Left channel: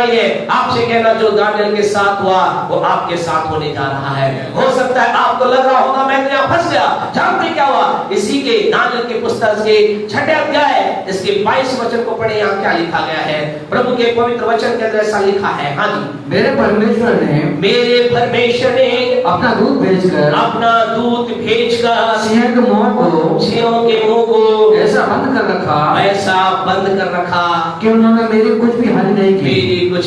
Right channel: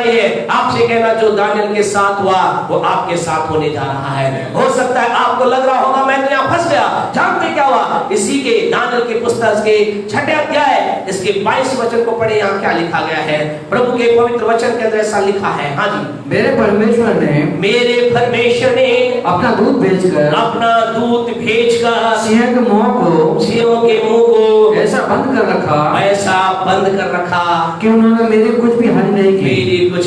बनाई है। आपसे कहना जो दानियल के साथ हुआ वो आपके साथ होने जा रहा है। हो सकता है आपको लग रहा होगा मैं तो यहाँ फंस गया। जानते क्या हुआ? इसी के दानियल के पुस्तक के 6 अध्याय इसके 22 वचन को पढ़े। यहाँ क्या लिखा गया है? प्रभु के पवित्र वचन के अंदर ऐसा लिखा है। हाँ जी, मेरे परमेश्वर ने अपना दूत भेजकर सिंह के मुंह को ऐसा बंद कर रखा कि उन्होंने मेरी कुछ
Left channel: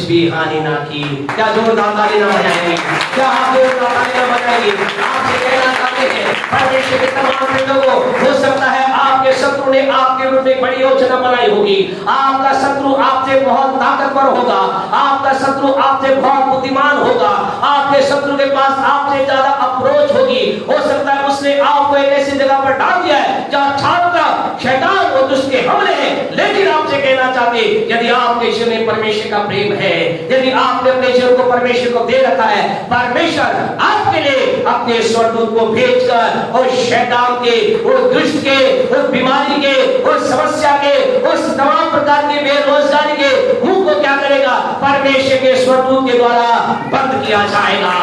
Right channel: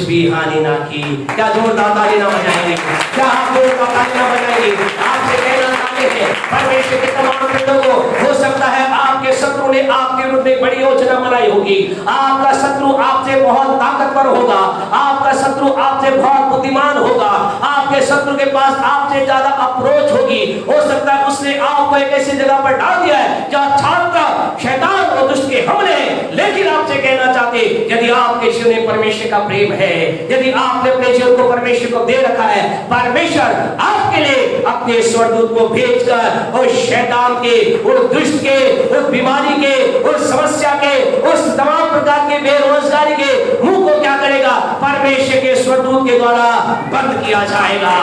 भी हानि ना की। क्या जोरदार ताली ना बजाएंगे? क्या आप जोरदार ताली ना बजाएंगे? आपसे कहना चाहते हैं परमेश्वर के तमाम बंदों को, हो सकता है आपके शत्रु ने आपके विरुद्ध बड़ी योजना बनाई होगी। आपका शत्रु आपसे बहुत ताकतवर होगा, आपका शत्रु आपसे बहुत बुद्धिमान होगा, आपके शत्रु के पास आपसे ज्यादा अप्रोच होगी। हो सकता है उसने आपको एक ऐसी जगह पर डाल दिया है जहाँ छात्र शैतान और दुष्ट के हमले हैं। लेकिन आपसे कहना चाहते यदि आपके जीवन में परमेश्वर का प्रेम है, यदि आपने अपने जीवन को परमेश्वर को दे रखा है, परमेश्वर आपके लिए अपने स्वर्गदूत को भेजकर उस शैतान के, उस दुष्ट के, उस बीमारी के, उस समस्या के, उस तमाम प्रकार के बेरोजगारी के मुंह को क्या करेगा? परमेश्वर के स्वर्गदूत के द्वारा बंद किया जाएगा।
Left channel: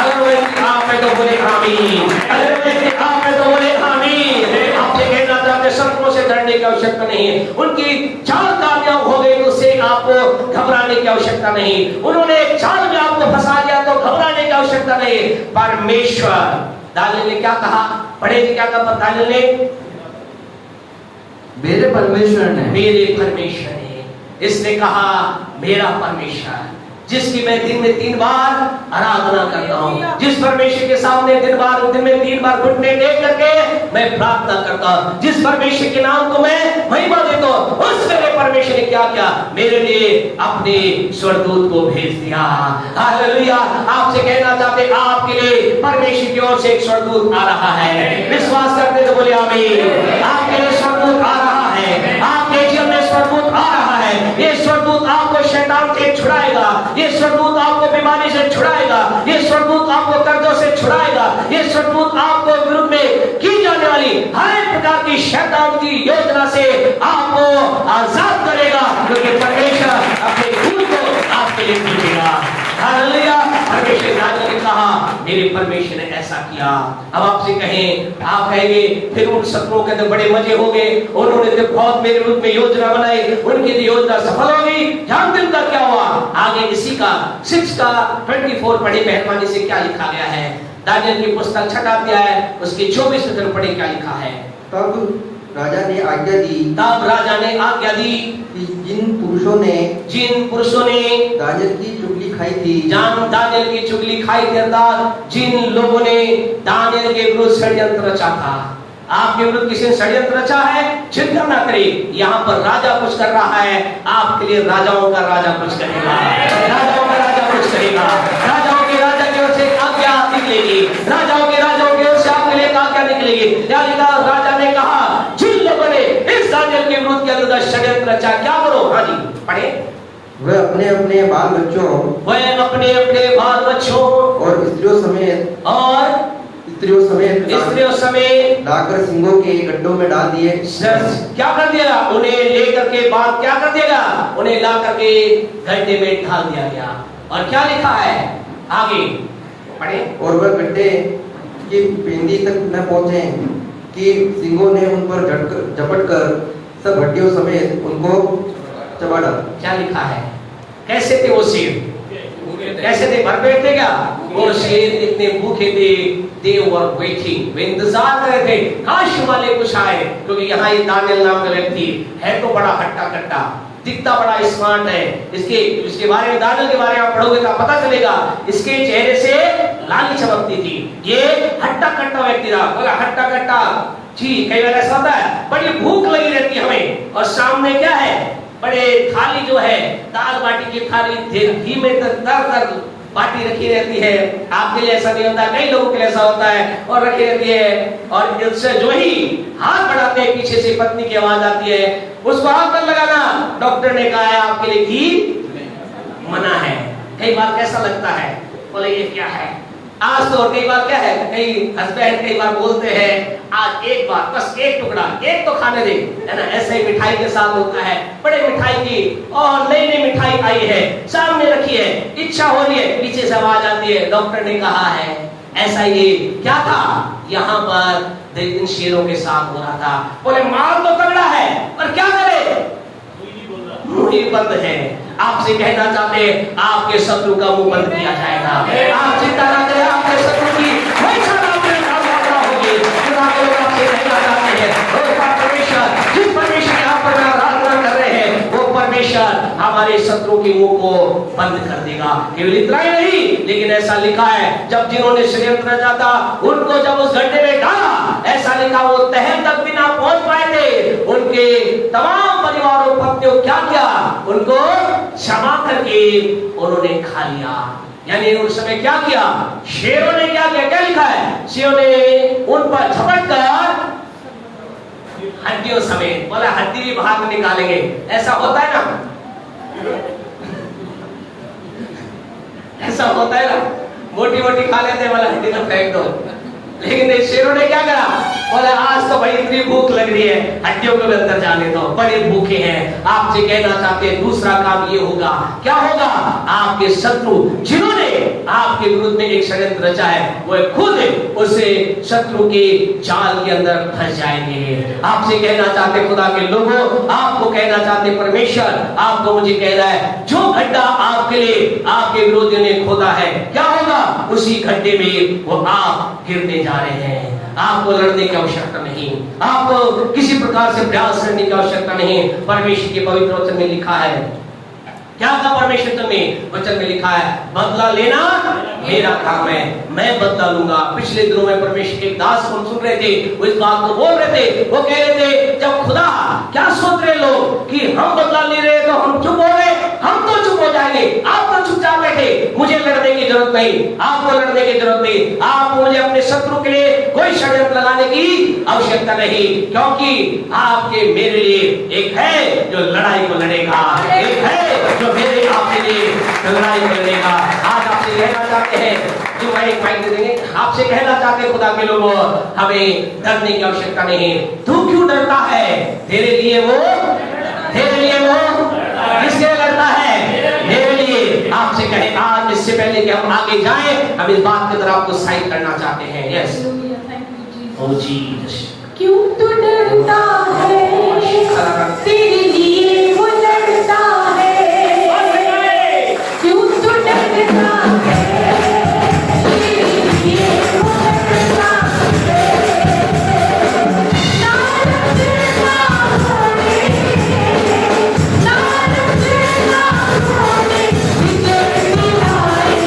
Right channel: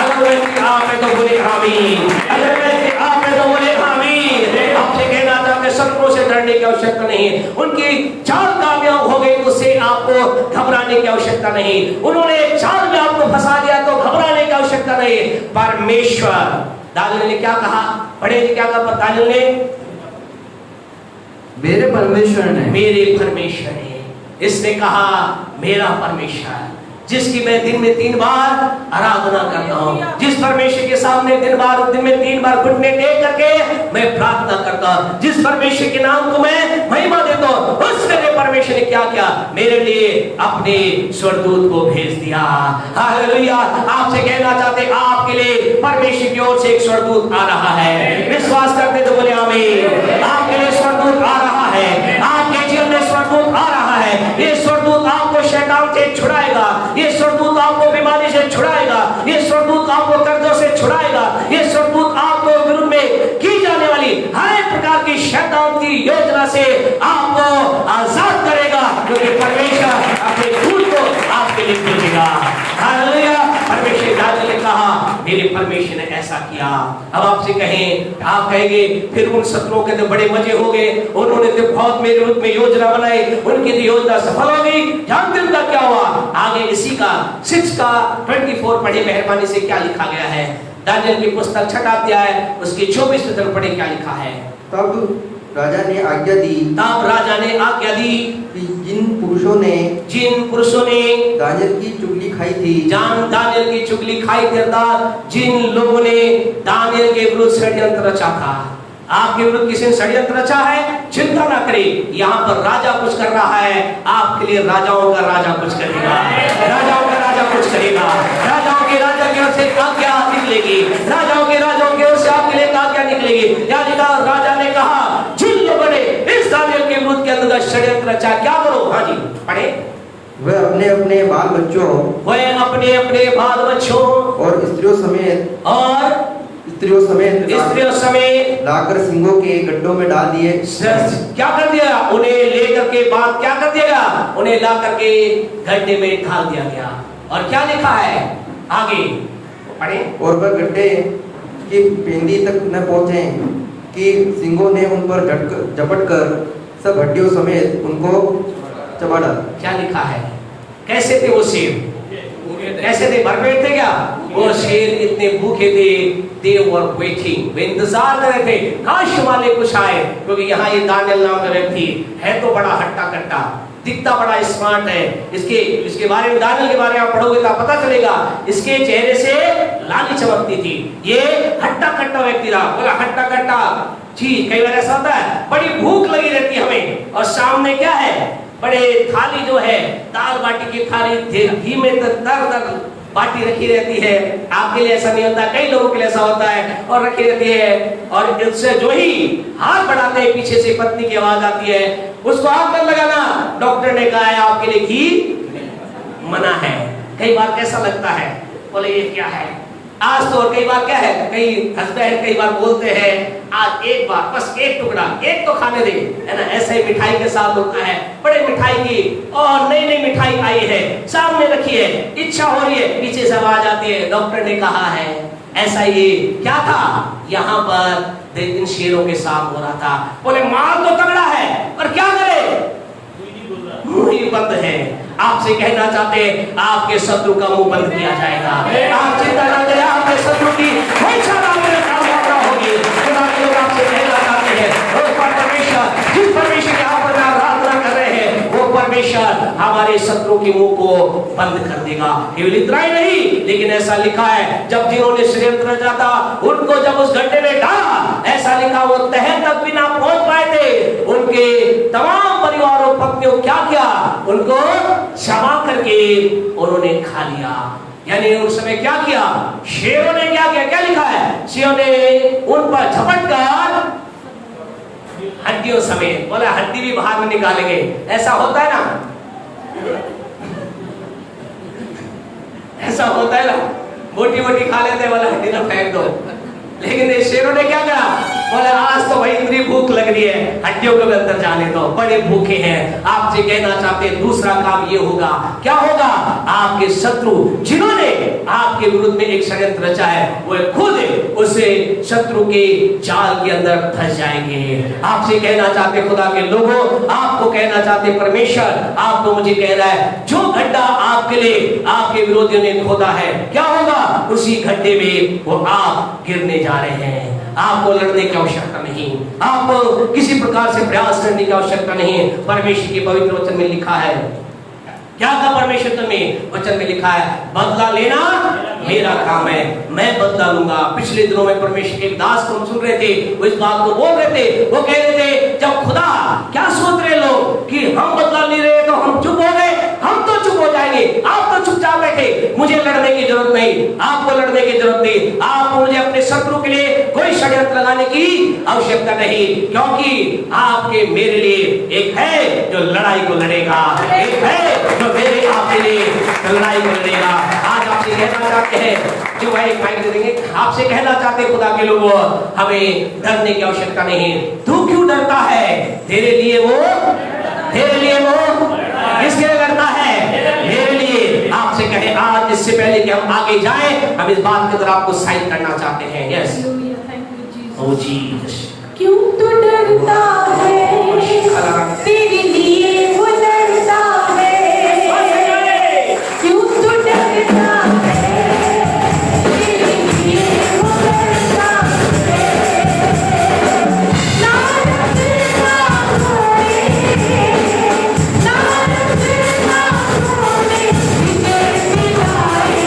अगर व्यक्ति आप में तो बोले आमीन। आपसे कहना चाहते शत्रुओं से डरने की आवश्यकता नहीं है। उनकी चाल कामयाब हो गई तो उससे आपको घबराने की आवश्यकता नहीं। उन्होंने चाल में आपको फंसा दिया तो घबराने की आवश्यकता नहीं। परमेश्वर, दानियल ने क्या कहा? पढ़े क्या कहा दानियल ने? मेरे परमेश्वर ने इसने कहा मेरा परमेश्वर जिसकी मैं दिन में 3 बार आराधना करता हूँ, जिस परमेश्वर के सामने दिन में 3 बार घुटने टेक करके मैं प्रार्थना करता हूँ, जिस परमेश्वर के नाम को मैं महिमा देता हूँ, उस मेरे परमेश्वर ने क्या किया? मेरे लिए अपने स्वर्गदूत को भेज दिया। हालेलुया। आपसे कहना चाहते आपके लिए परमेश्वर की ओर से एक स्वर्गदूत आ रहा है। विश्वास करते तो बोले आमीन। आपके लिए स्वर्गदूत आ रहा है, आपके जीवन में स्वर्गदूत आ रहा है। ये स्वर्गदूत आपको शैतान से छुड़ाएगा, ये स्वर्गदूत आपको बीमारी से छुड़ाएगा, ये स्वर्गदूत आपको कर्जों से छुड़ाएगा, ये स्वर्गदूत आपको विरुद्ध में की जाने वाली हर प्रकार की शैतान की योजना से आपको आजाद करेगा, क्योंकि परमेश्वर अपने दूत को आपके लिए भेजेगा। हालेलुया। परमेश्वर ने कहा मेरे परमेश्वर ने ऐसा किया। अब आपसे कहें, आप कहेंगे फिर उन शत्रुओं के तो बड़े मजे हो गए, उन्होंने तो बहुत मेरे विरुद्ध में योजना बनाई, उनकी तो योजना सफल हो गई। जानते उनका क्या हुआ? आगे इसी का 6 का 24 पढ़े मेहरबानी से क्या लिखा गया है? दानियल की पुस्तक 6 अध्याय उसके 24 से पढ़े क्या लिखा है? तब राजा ने आज्ञा दी कि जिन पुरुषों ने दानियल की चुगली खाई थी अर्थात जिन लोगों ने दानियल के विरुद्ध षड्यंत्र रचा था। आपके विरुद्ध किसी ने षड्यंत्र रचा है, चिंता ना करें। यहाँ पर राजा कुछ कर रहा है, आपके लिए राजाओं का राजा कुछ करेगा। राजाओं के राजा की ओर से आज्ञा निकलेगी, राजाओं के ओर से आपके लिए आज्ञा निकलेगी। राजा ने कहा जिन लोगों ने इस दानियल के विरुद्ध के अंदर षड्यंत्र रचा, क्या करो? हाँ जी पढ़े। वह अपने अपने बाल बच्चों और स्त्रियों समेत लाकर सिंहों के गड्ढों में डाल दिए। क्या कर दिया? उन्हें लेकर के बाद क्या कर दिया? उन्हें ला करके गड्ढे में डाल दिया गया। और क्या लिखा है आगे पढ़े? और वह गड्ढे की पेंदी तक न पहुंचे कि सिंहों ने उन पर झपट कर सब हड्डियों समेत उनको चबा डाला। क्या लिखा है? कैसे थे वो शेर? कैसे थे? भरपेट थे क्या? वो शेर इतने भूखे थे, they were waiting, वे इंतजार कर रहे थे काश वाले कुछ आए, क्योंकि यहाँ ये दानियल नाम का व्यक्ति है तो बड़ा हट्टा कट्टा, दिखता बड़ा स्मार्ट है। इसके बारे में, दानियल के बारे में आप पढ़ोगे तो पता चलेगा इसके चेहरे से लाली चमकती थी। ये हट्टा कट्टा व्यक्ति रहा, बोला हट्टा कट्टा जी। कई बार ऐसा होता है, बड़ी भूख लगी रहती है हमें और सामने क्या है? बड़े थाली जो है दाल बाटी की थाली घी में तर बाटी रखी रहती है। आपके लिए ऐसा नहीं होता, कई लोगों के लिए ऐसा होता है और रखी रहती है। और इससे जो ही हाथ बढ़ाते हैं पीछे से पत्नी की आवाज आती है, उसको हाथ मत लगाना, डॉक्टर ने कहा है आपके लिए घी मना है। कई बार कैसा लगता है, बोले ये क्या है? आज तो कई बार क्या है, कई हस्बैंड कई बार बोलते हैं आज एक बार बस एक टुकड़ा एक तो खाने दे, है ना। ऐसे ही मिठाई के साथ होता है, बड़े मिठाई की और नई नई मिठाई आई है, सामने रखी है, इच्छा हो रही है, पीछे से आवाज आती है डॉक्टर ने कहा है ऐसा। ये क्या था, यहाँ पर इन शेरों के साथ हो रहा था। बोले माल तो तगड़ा है पर क्या करे, मुंह ही बंद है। आपसे कहना चाहते हैं आपके शत्रु का मुंह बंद किया जाएगा। आप चिंता न करें, आपके शत्रु की कोई क्षमता होगी। आपसे कहना चाहते हैं वो परमेश्वर, जिस परमेश्वर की आप आराधना कर रहे हैं, वो परमेश्वर हमारे शत्रु के मुंह को बंद कर देगा। केवल इतना ही नहीं, लेकिन ऐसा लिखा है जब जिन्होंने षड्यंत्र रचा था उनको जब उस गड्ढे में डाला, ऐसा लिखा वो तह तक भी ना पहुंच पाए थे। उनके तमाम परिवार और पत्नियों क्या किया, उनको क्षमा करके उन्होंने खा लिया। यानी उस समय क्या किया, शेरों ने क्या किया, क्या लिखा है, शेरों ने उन पर झपट कर हड्डियों समेत, बोला हड्डी भी बाहर में निकालेंगे। ऐसा होता है ना, ऐसा होता है ना, मोटी मोटी खा लेते हैं, बोला हड्डी ना फेंक दो। लेकिन शेरों ने क्या करा, बोले आज तो भाई इतनी भूख लग रही है, हड्डियों को भी अंदर जाने दो, बड़े भूखे हैं। आपसे कहना चाहते हैं दूसरा काम ये होगा, क्या होगा, आपके शत्रु जिन्होंने आपके विरुद्ध में एक षड्यंत्र रचा है, वो खुद उसे शत्रु के जाल के अंदर फंस जाएंगे। आपसे कहना चाहते खुदा के लोगों, आपको कहना चाहते परमेश्वर, आप तो मुझे कह रहा है जो गड्ढा आपके लिए आपके विरोधियों ने खोदा है, क्या होगा, उसी गड्ढे में वो आप गिरने जा रहे हैं। आपको लड़ने की आवश्यकता नहीं, आपको किसी प्रकार से प्रयास करने की आवश्यकता नहीं। परमेश्वर के पवित्र वचन में लिखा है, क्या था परमेश्वर में वचन में लिखा है, बदला लेना मेरा काम है, मैं बदला लूंगा। पिछले दिनों में परमेश्वर के एक दास को हम सुन रहे थे, वो इस बात को बोल रहे थे, वो कह रहे थे जब खुदा, क्या सोच रहे लोग कि हम बदला ले रहे तो हम चुप हो गए, हम तो चुप हो जाएंगे, आप तो चुपचाप बैठे, मुझे लड़ने की जरूरत नहीं, आपको लड़ने की जरूरत नहीं, आपको मुझे अपने शत्रु के लिए कोई षड्यंत्र लगाने की आवश्यकता नहीं, क्योंकि आपके मेरे लिए एक है जो लड़ाई को लड़ेगा, एक है जो मेरे आपके लिए लड़ाई को लड़ेगा। आज आपसे कहना चाहते हैं, जो मैं एक माइक दे देंगे, आपसे कहना चाहते हैं खुदा के लोगों, हमें डरने की आवश्यकता नहीं। तू क्यों डरता है, तेरे लिए वो किसके लिए लड़ता है, मेरे लिए। आपसे कहें आज, इससे पहले कि हम आगे जाएं, हम इस बात की तरफ आपको साइन करना चाहते हैं। यस, ओ जीसस, क्यों तू डरता है, तेरे लिए वो लड़ता है, क्यों तू डरता है, तेरे लिए वो लड़ता है, नारद ना होने, नारद ना होने, विजय दिलाए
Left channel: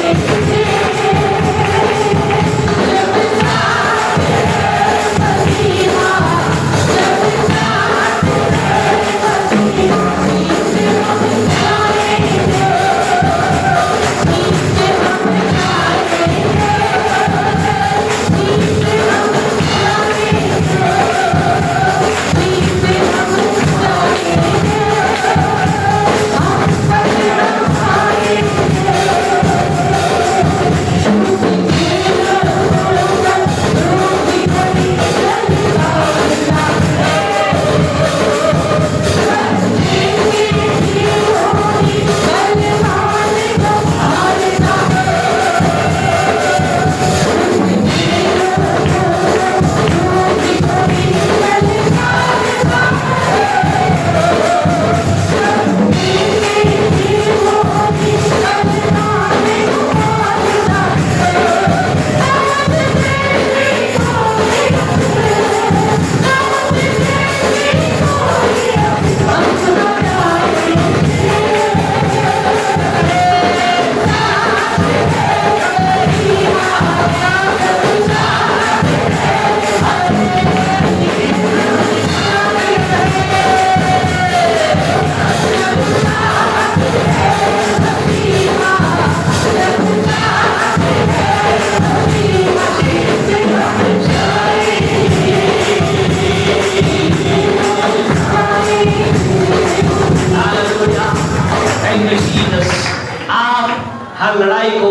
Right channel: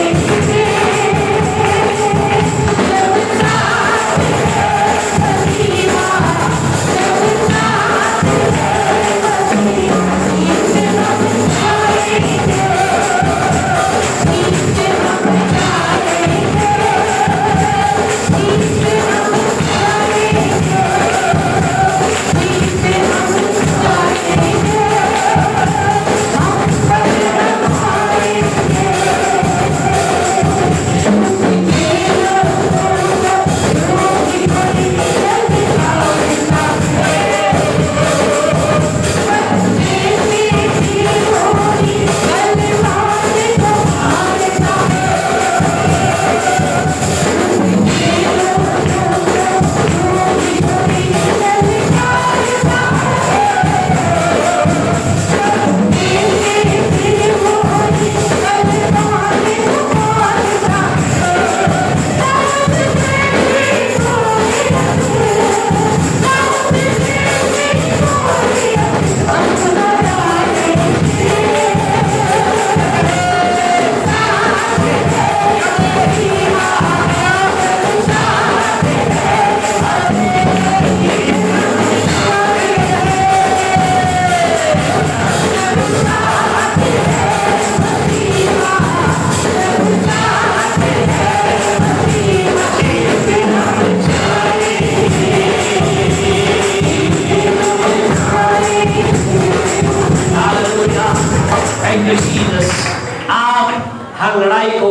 आप हर लड़ाई को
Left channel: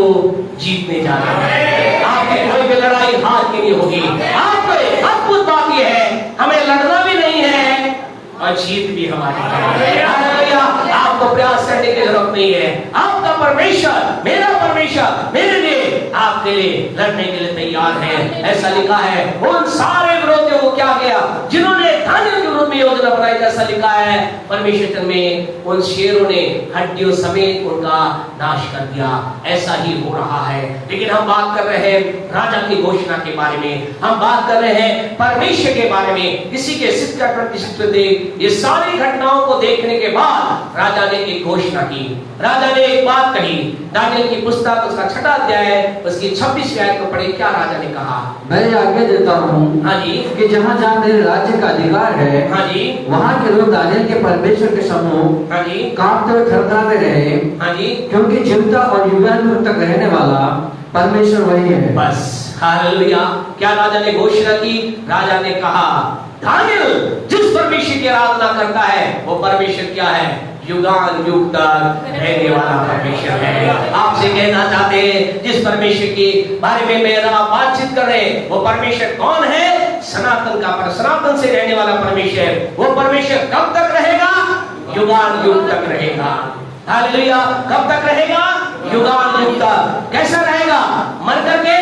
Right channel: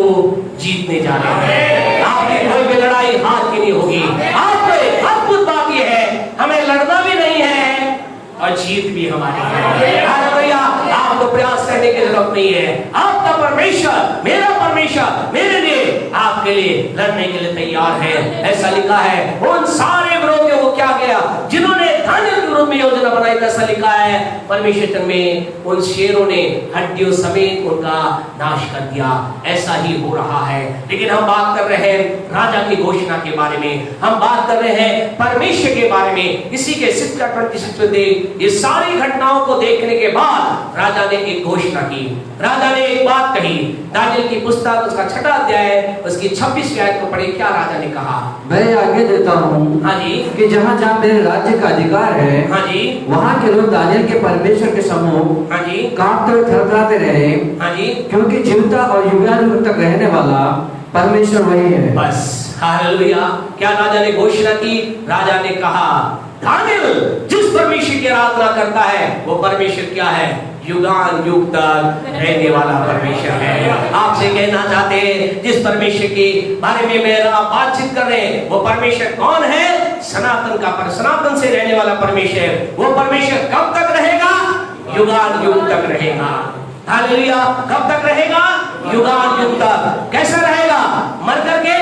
जीतने जा रहे हैं। लड़ाई हार की नहीं होगी। आपको अद्भुत बात यह है, हमें लड़ना भी नहीं है और जीत भी हमारी है। हालेलुया। आपको प्रयास करने की जरूरत नहीं है। आपका परमेश्वर, मेरा परमेश्वर मेरे लिए, आपके लिए लड़ने के लिए तैयार है। ऐसा लिखा है, उन सारे विरोधियों को क्या किया जिन्होंने दानियल के विरुद्ध में योजना बनाई। ऐसा लिखा है परमेश्वर में, उन शेरों ने हड्डियों समेत उनका नाश कर दिया। ऐसा ही हो रहा है। लेकिन हम बात कर रहे हैं राजा की घोषणा के बारे में, हम बात कर रहे हैं परमेश्वर के बारे में। इसी के 6 ये सारी घटनाओं को देखने के बाद राजा ने एक घोषणा की, राजा ने एक बात कही। दानियल की पुस्तक उसका 6वां अध्याय उसकी 26वीं आयत को पढ़े। क्या राजा ने कहा? मैं आज्ञा देता हूँ, हाँ जी, कि जहाँ जहाँ मेरे राज्य का अधिकार है, हाँ जी, वहाँ के लोग दानियल के परमेश्वर के सम्मुख हाँ जी, कांपते हुए थरथराते रहे, हाँ जी, क्योंकि जीवता और युगानुयुग तक रहने वाला परमेश्वर वही है। बस हालेलुया। क्या राजा ने घोषणा की? राजा ने कहा दानियल जिस परमेश्वर की आराधना करता है वो परमेश्वर क्या है? युगान युग तक रहने वाला परमेश्वर है। आपसे कहना चाहते हैं जिस परमेश्वर के बारे में मेरा बातचीत कर रहे हैं वो परमेश्वर कौन है? सनातन का, पर सनातन से रहने वाला परमेश्वर। वो परमेश्वर कब तक रहेगा? युगान युग तक रहेगा। हालेलुया। कब तक रहेगा? युगान युग तक। कैसा रहेगा? मर करके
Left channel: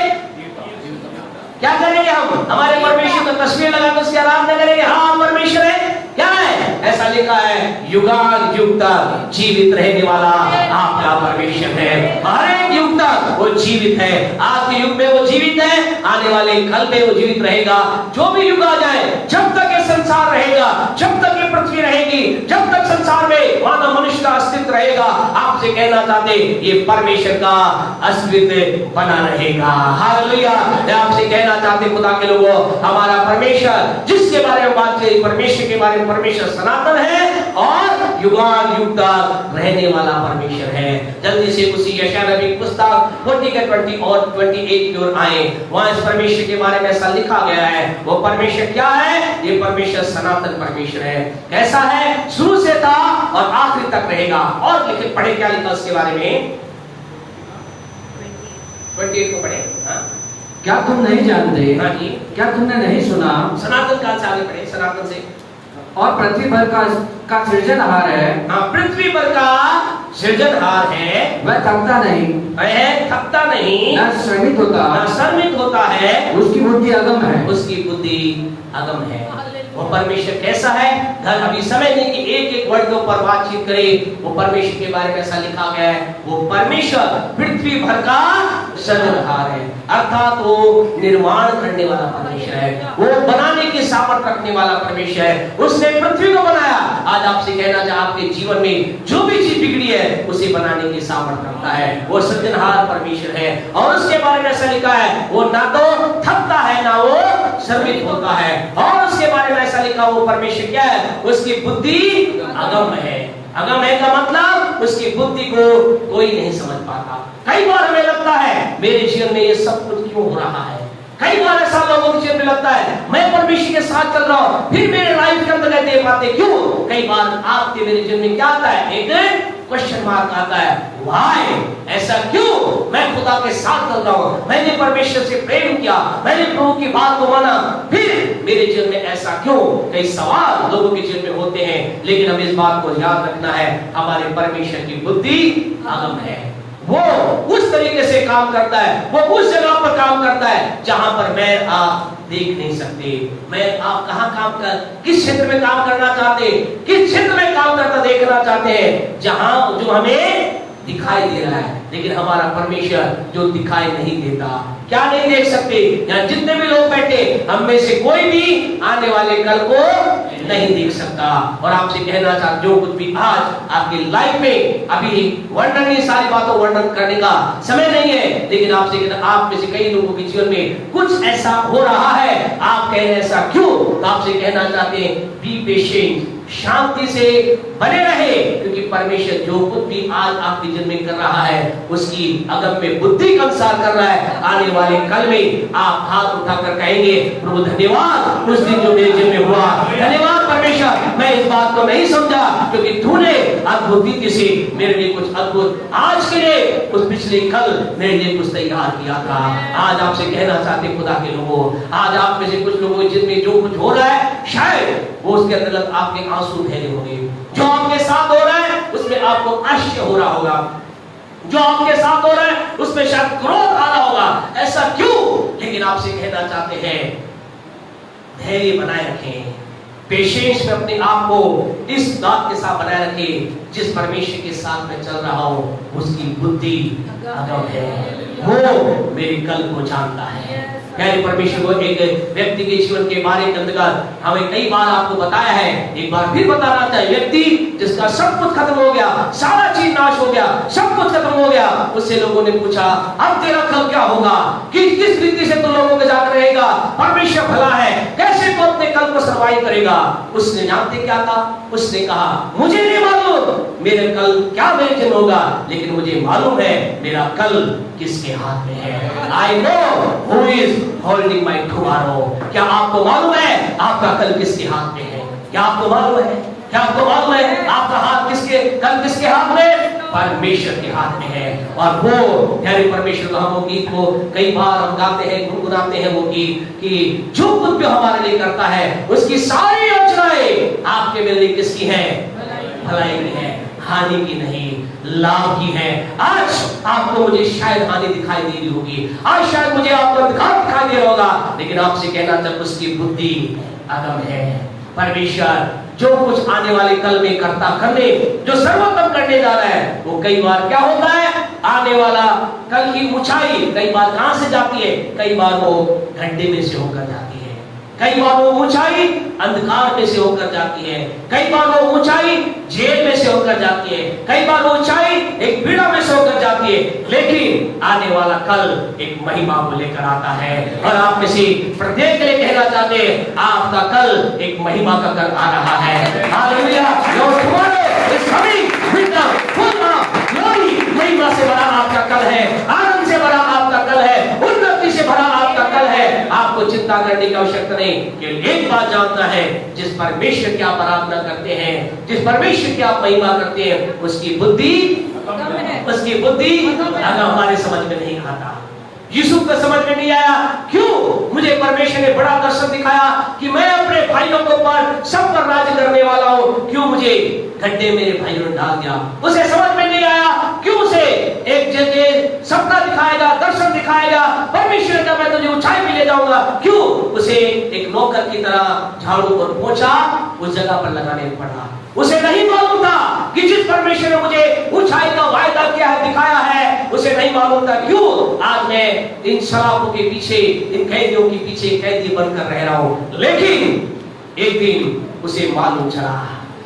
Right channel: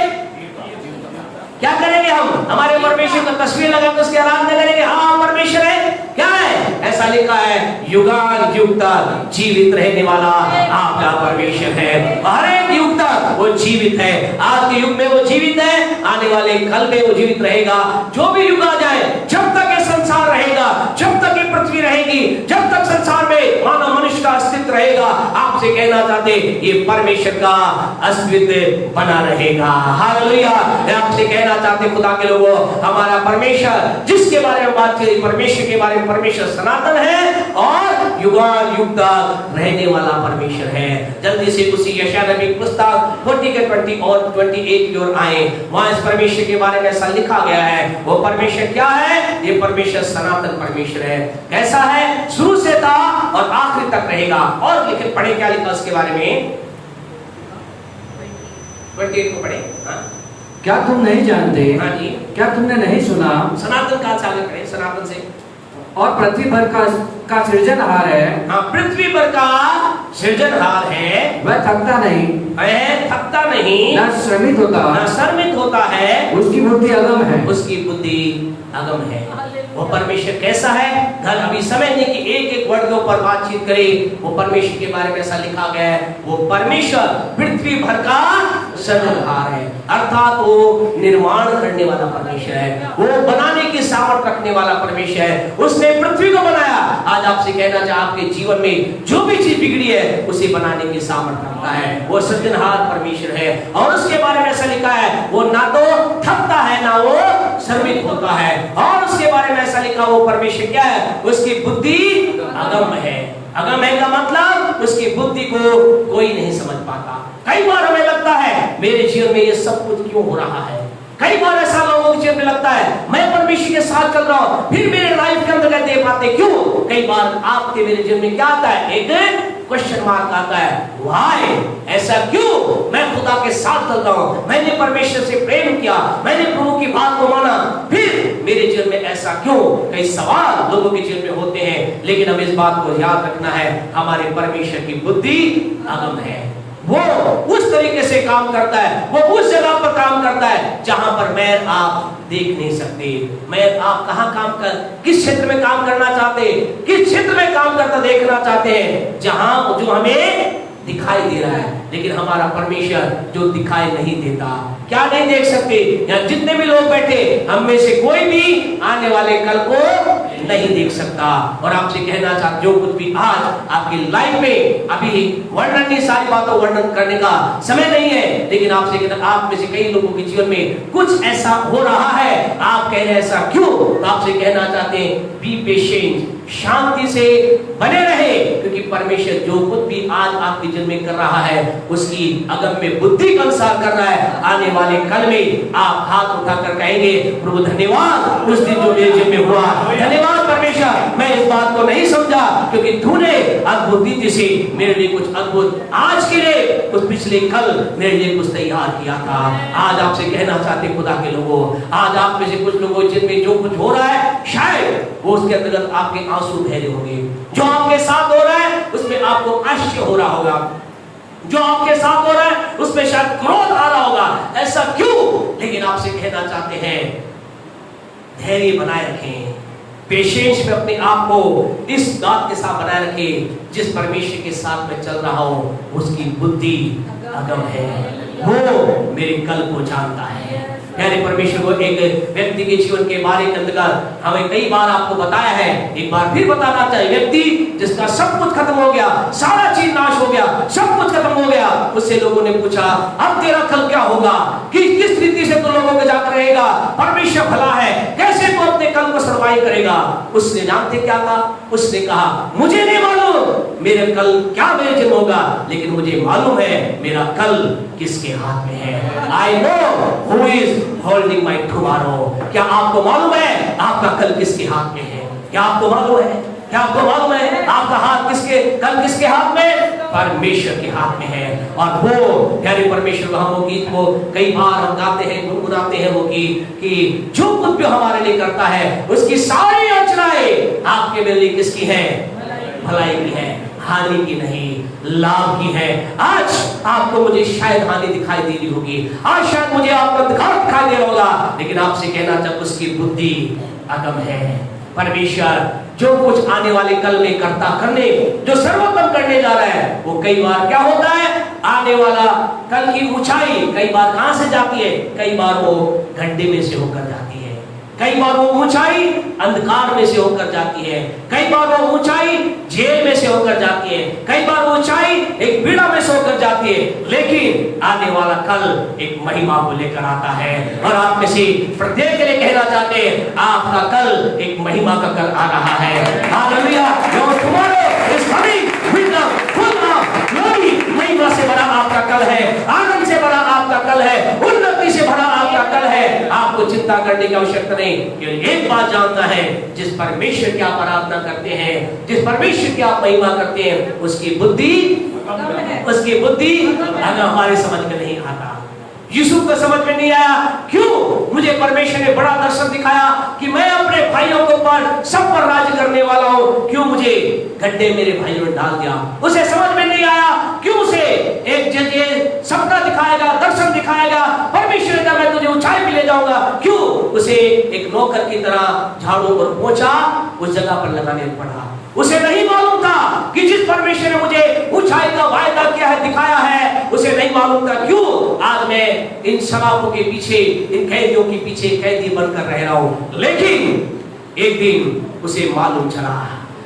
क्या करेंगे हम? हमारे परमेश्वर को तस्वीर लगा कर उसकी आराधना करेंगे। हाँ परमेश्वर है, क्या है? ऐसा लिखा है युगान युग तक जीवित रहने वाला आपका परमेश्वर है। हर एक युग तक वो जीवित है। आज के युग में वो जीवित है, आने वाले कल में वो जीवित रहेगा। जो भी युग आ जाए, जब तक ये संसार रहेगा, जब तक ये पृथ्वी रहेगी, जब तक संसार में मानव मनुष्य का अस्तित्व रहेगा, आपसे कहना चाहते ये परमेश्वर का अस्तित्व बना रहेगा। हालेलुया। मैं आपसे कहना चाहते खुदा के लोगों, हमारा परमेश्वर जिसके बारे में बात की, परमेश्वर के बारे में, परमेश्वर सनातन है और युगान युग तक रहने वाला परमेश्वर है। जल्दी से उसी यशायाह नबी की पुस्तक 40 के 20 और 28 की ओर आए। वहां इस परमेश्वर के बारे में ऐसा लिखा गया है। वो परमेश्वर क्या है? ये परमेश्वर सनातन परमेश्वर है। कैसा है? शुरू से था और आखिर तक रहेगा। और लिखे पढ़े क्या लिखा उसके बारे में? 28 को पढ़े। हाँ? क्या तुम नहीं जानते? हाँ जी। क्या तुमने नहीं सुना? सनातन काल से आगे पढ़े, सनातन से। और पृथ्वी भर का सृजनहार है। हाँ, पृथ्वी पर का सृजनहार है। वह थकता नहीं, वह थकता नहीं, न श्रमित होता, न श्रमित होता है। उसकी बुद्धि अगम है। उसकी बुद्धि अगम है। वो परमेश्वर कैसा है? घर अभी समय नहीं कि एक एक वर्ड के ऊपर बातचीत करें। वो परमेश्वर के बारे में ऐसा लिखा गया है, वो परमेश्वर पृथ्वी भर का सृजनहार है, अर्थात वो निर्माण करने वाला परमेश्वर है। वो बनाने की सामर्थ रखने वाला परमेश्वर है। उसने पृथ्वी को बनाया। आज आपसे कहना चाहे आपके जीवन में जो भी चीज बिगड़ी है उसे बनाने की सामर्थ रखता है। वो सृजनहार परमेश्वर है। और उसके बारे में ऐसा लिखा है, वो ना तो थकता है ना वो श्रमित होता है। और उसके बारे में ऐसा लिखा, वो परमेश्वर क्या है? उसकी बुद्धि अगम है। अगम है का मतलब उसकी बुद्धि को कोई नहीं समझ पाता। कई बार हमें लगता है मेरे जीवन में ये सब कुछ क्यों हो रहा है। कई बार ऐसा लोगों के जीवन में लगता है मैं परमेश्वर के साथ चल रहा हूं, फिर मेरे लाइफ के अंदर दे पाते क्यों? कई बार आपके मेरे जीवन में क्या आता है? एक क्वेश्चन मार्क आता है, व्हाई? ऐसा क्यों? मैं खुदा के साथ चल रहा हूं, मैंने परमेश्वर से प्रेम किया, मैंने प्रभु की बात को माना, फिर मेरे जीवन में ऐसा क्यों? कई सवाल लोगों के जीवन में होते हैं। लेकिन हमें इस बात को याद रखना है, हमारे परमेश्वर की बुद्धि अगम है। वो उस तरीके से काम करता है, वो उस जगह पर काम करता है जहां पर मैं आप देख नहीं सकते। मैं आप कहां काम कर, किस क्षेत्र में काम करना चाहते, किस क्षेत्र में काम करता देखना चाहते हैं, जहां जो हमें दिखाई दे रहा है। लेकिन हमारा परमेश्वर जो दिखाई नहीं देता, क्या नहीं देख सकते? यहाँ जितने भी लोग बैठे, हम में से कोई भी आने वाले कल को नहीं देख सकता। और आपसे कहना चाहता, जो कुछ भी आज आपकी लाइफ में, अभी वर्णन नहीं, सारी बातों वर्णन करने का समय नहीं है, लेकिन आपसे कहता, आप में से कई लोगों के जीवन में कुछ ऐसा हो रहा है, आप कह रहे हैं ऐसा क्यों? तो आपसे कहना चाहते हैं, बी पेशेंट, शांति से बने रहे, क्योंकि परमेश्वर जो कुछ भी आज आपके जीवन में कर रहा है उसकी अगम में बुद्धि का अनुसार कर रहा है। आने वाले कल में आप हाथ उठाकर कहेंगे प्रभु धन्यवाद उस दिन जो मेरे जीवन में हुआ, धन्यवाद परमेश्वर मैं इस बात को नहीं समझा क्योंकि तूने अद्भुत रीति से मेरे लिए कुछ अद्भुत आज के लिए उस पिछले कल मेरे लिए कुछ तैयार किया था। आज आपसे कहना चाहते खुदा के लोगों, आज आप में से कुछ लोगों जिनमें जो कुछ हो रहा है शायद वो उसके अंतर्गत आपके आंसू बह रहे होंगे। जो आपके साथ हो रहा है उसमें आपको आश्चर्य हो रहा होगा, जो आपके साथ हो रहा है उसमें शायद क्रोध आ रहा होगा, ऐसा क्यों? लेकिन आपसे कहना चाहते हैं धैर्य बनाए रखें, पेशेंस में अपने आप को इस बात के साथ बनाए रखें जिस परमेश्वर के साथ में चल रहा हूं उसकी बुद्धि अगम है, वो मेरे कल को जानता है। यानी परमेश्वर को एक व्यक्ति के जीवन के बारे के अंतर्गत हमें कई बार आपको बताया है, एक बार फिर बताना चाहिए। व्यक्ति जिसका सब कुछ खत्म हो गया, सारा चीज नाश हो गया, सब कुछ खत्म हो गया, उससे लोगों ने पूछा अब तेरा कल क्या होगा, किस रीति से तू लोगों के जाकर रहेगा, परमेश्वर भला है, कैसे तू अपने कल को सर्वाइव करेगा। उसने जानते क्या था? उसने कहा मुझे नहीं मालूम मेरे कल क्या मेरे दिन होगा, लेकिन मुझे मालूम है मेरा कल किसके हाथ में है। I know who is holding my tomorrow. क्या आपको मालूम है आपका कल किसके हाथ में है? क्या आपको मालूम है? क्या आपको मालूम है आपका हाथ किसके कल किसके हाथ में? परमेश्वर के हाथ में है। और वो प्यारे परमेश्वर हम वो गीत को कई बार हम गाते हैं, गुनगुनाते हैं वो गीत कि जो कुछ भी हमारे लिए करता है उसकी सारी योजनाएं आपके मेरे लिए किसकी है? भलाई की है, हानि की नहीं, लाभ की है। आज आपको मुझे शायद हानि दिखाई दे रही होगी, आज शायद मुझे आपको दिखाई दे रहा होगा, लेकिन आपसे कहना जब उसकी बुद्धि अगम है। परमेश्वर जो कुछ आने वाले कल में करने जो सर्वोत्तम करने जा रहा है वो कई बार क्या होता है, आने वाला कल की ऊंचाई कई बार कहां से जाती है? कई बार वो गड्ढे में से होकर जाती है, कई बार वो ऊंचाई अंधकार में से होकर जाती है, कई बार वो ऊंचाई जेल में से होकर जाती है, कई बार वो ऊंचाई एक पीड़ा में से होकर जाती है, लेकिन आने वाला कल एक महिमा को लेकर आता है। और आप में से प्रत्येक के लिए कहना चाहते हैं आपका कल एक महिमा का कल आ रहा है। Hallelujah, your tomorrow is coming with the full of glory. महिमा से भरा आपका कल है, आनंद से भरा आपका कल है, उन्नति से भरा आपका कल है। आपको चिंता करने की आवश्यकता नहीं, केवल एक बात जानना है जिस परमेश्वर की आप आराधना करते हैं, जिस परमेश्वर की आप महिमा करते हैं उसकी बुद्धि अगर हमारे समझ में नहीं आता। यीशु को समझ में नहीं आया, क्यों? मुझे परमेश्वर ने बड़ा दर्शन दिखाया कि मैं अपने भाइयों के ऊपर सब पर राज्य करने वाला हूं, क्यों मुझे गड्ढे मेरे भाइयों ने डाल दिया? उसे समझ में नहीं आया, क्यों? उसे एक जगह सपना दिखाएगा, दर्शन दिखाएगा, परमेश्वर का मैं तुझे ऊंचाई में ले जाऊंगा, क्यों? उसे एक नौकर की तरह झाड़ू और पोंछा उस जगह पर लगाने पड़ा। उसे नहीं मालूम था कि जिस परमेश्वर ने मुझे ऊंचाई का वायदा किया है, दिखाया है, उसे नहीं मालूम था क्यों आज मैं इन शराबों के पीछे, इन कैदियों के पीछे कैदी बनकर रह रहा हूं। लेकिन एक दिन उसे मालूम चला,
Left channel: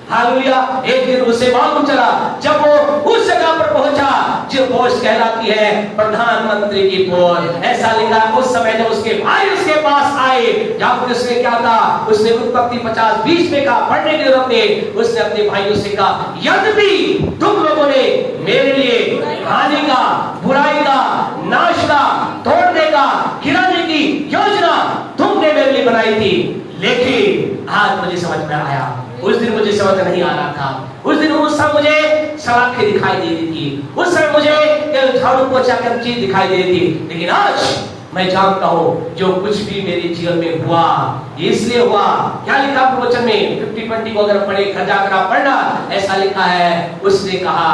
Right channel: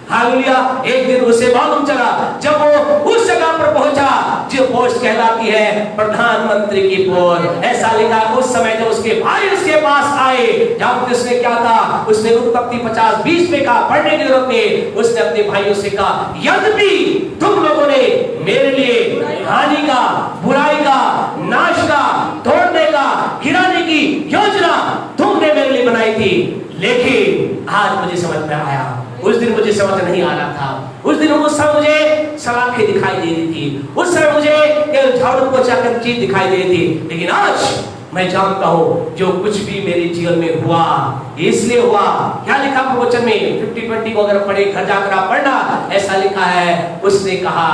हालेलुया, एक दिन उसे मालूम चला जब वो उस जगह पर पहुंचा जो पोस्ट कहलाती है प्रधानमंत्री की पोस्ट। ऐसा लिखा उस समय जब उसके भाई उसके पास आए, जब उसने क्या था, उसने उत्पत्ति 50:20 में कहा, पढ़ने की जरूरत है, उसने अपने भाइयों से कहा यद्यपि तुम लोगों ने मेरे लिए हानि का, बुराई का, नाश का, तोड़ने का, गिराने की योजना तुमने मेरे लिए बनाई थी, लेकिन आज मुझे समझ में आया, उस दिन मुझे समझ नहीं आ रहा था। उस दिन उस समय मुझे सलाखें दिखाई दे रही थी, उस समय मुझे झाड़ू पोंछा कर चीज दिखाई दे रही थी, लेकिन आज मैं जानता हूं जो कुछ भी मेरे जीवन में हुआ इसलिए हुआ। क्या लिखा प्रवचन में 50-20 को अगर पढ़े, घर जाकर पढ़ना, ऐसा लिखा है, उसने कहा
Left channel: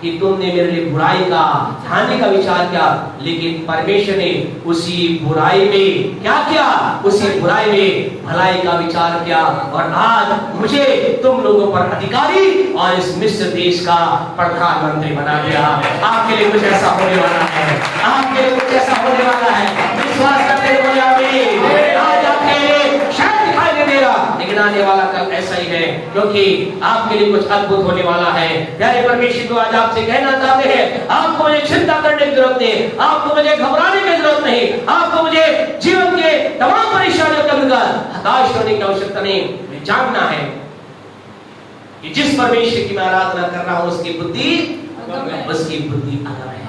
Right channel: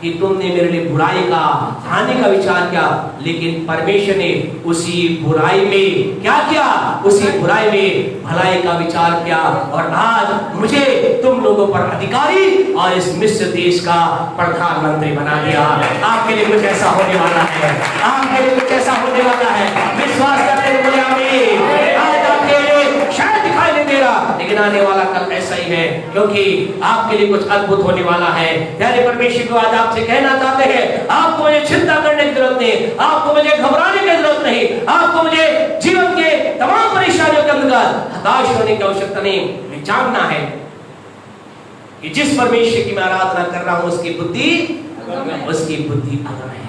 कि तुमने मेरे लिए बुराई का, हानि का विचार किया, लेकिन परमेश्वर ने उसी बुराई में क्या किया? उसी बुराई में भलाई का विचार किया, और आज मुझे तुम लोगों पर अधिकारी और इस मिस्र देश का प्रधानमंत्री बना दिया। आपके लिए कुछ ऐसा होने वाला है, आपके लिए कुछ ऐसा होने वाला है, विश्वास करते हुए आज आपके लिए शायद दिखाई नहीं दे रहा, लेकिन आने वाला कल ऐसा ही है, क्योंकि आपके लिए कुछ अद्भुत होने वाला है। प्यारे परमेश्वर को आज आपसे कहना चाहते हैं, आपको मुझे चिंता करने की जरूरत नहीं, आपको मुझे घबराने की जरूरत नहीं, आपको मुझे जीवन के तमाम परेशानियों के अंदर हताश होने की आवश्यकता नहीं। जानना है कि जिस परमेश्वर की मैं आराधना कर रहा हूं उसकी बुद्धि अगम है।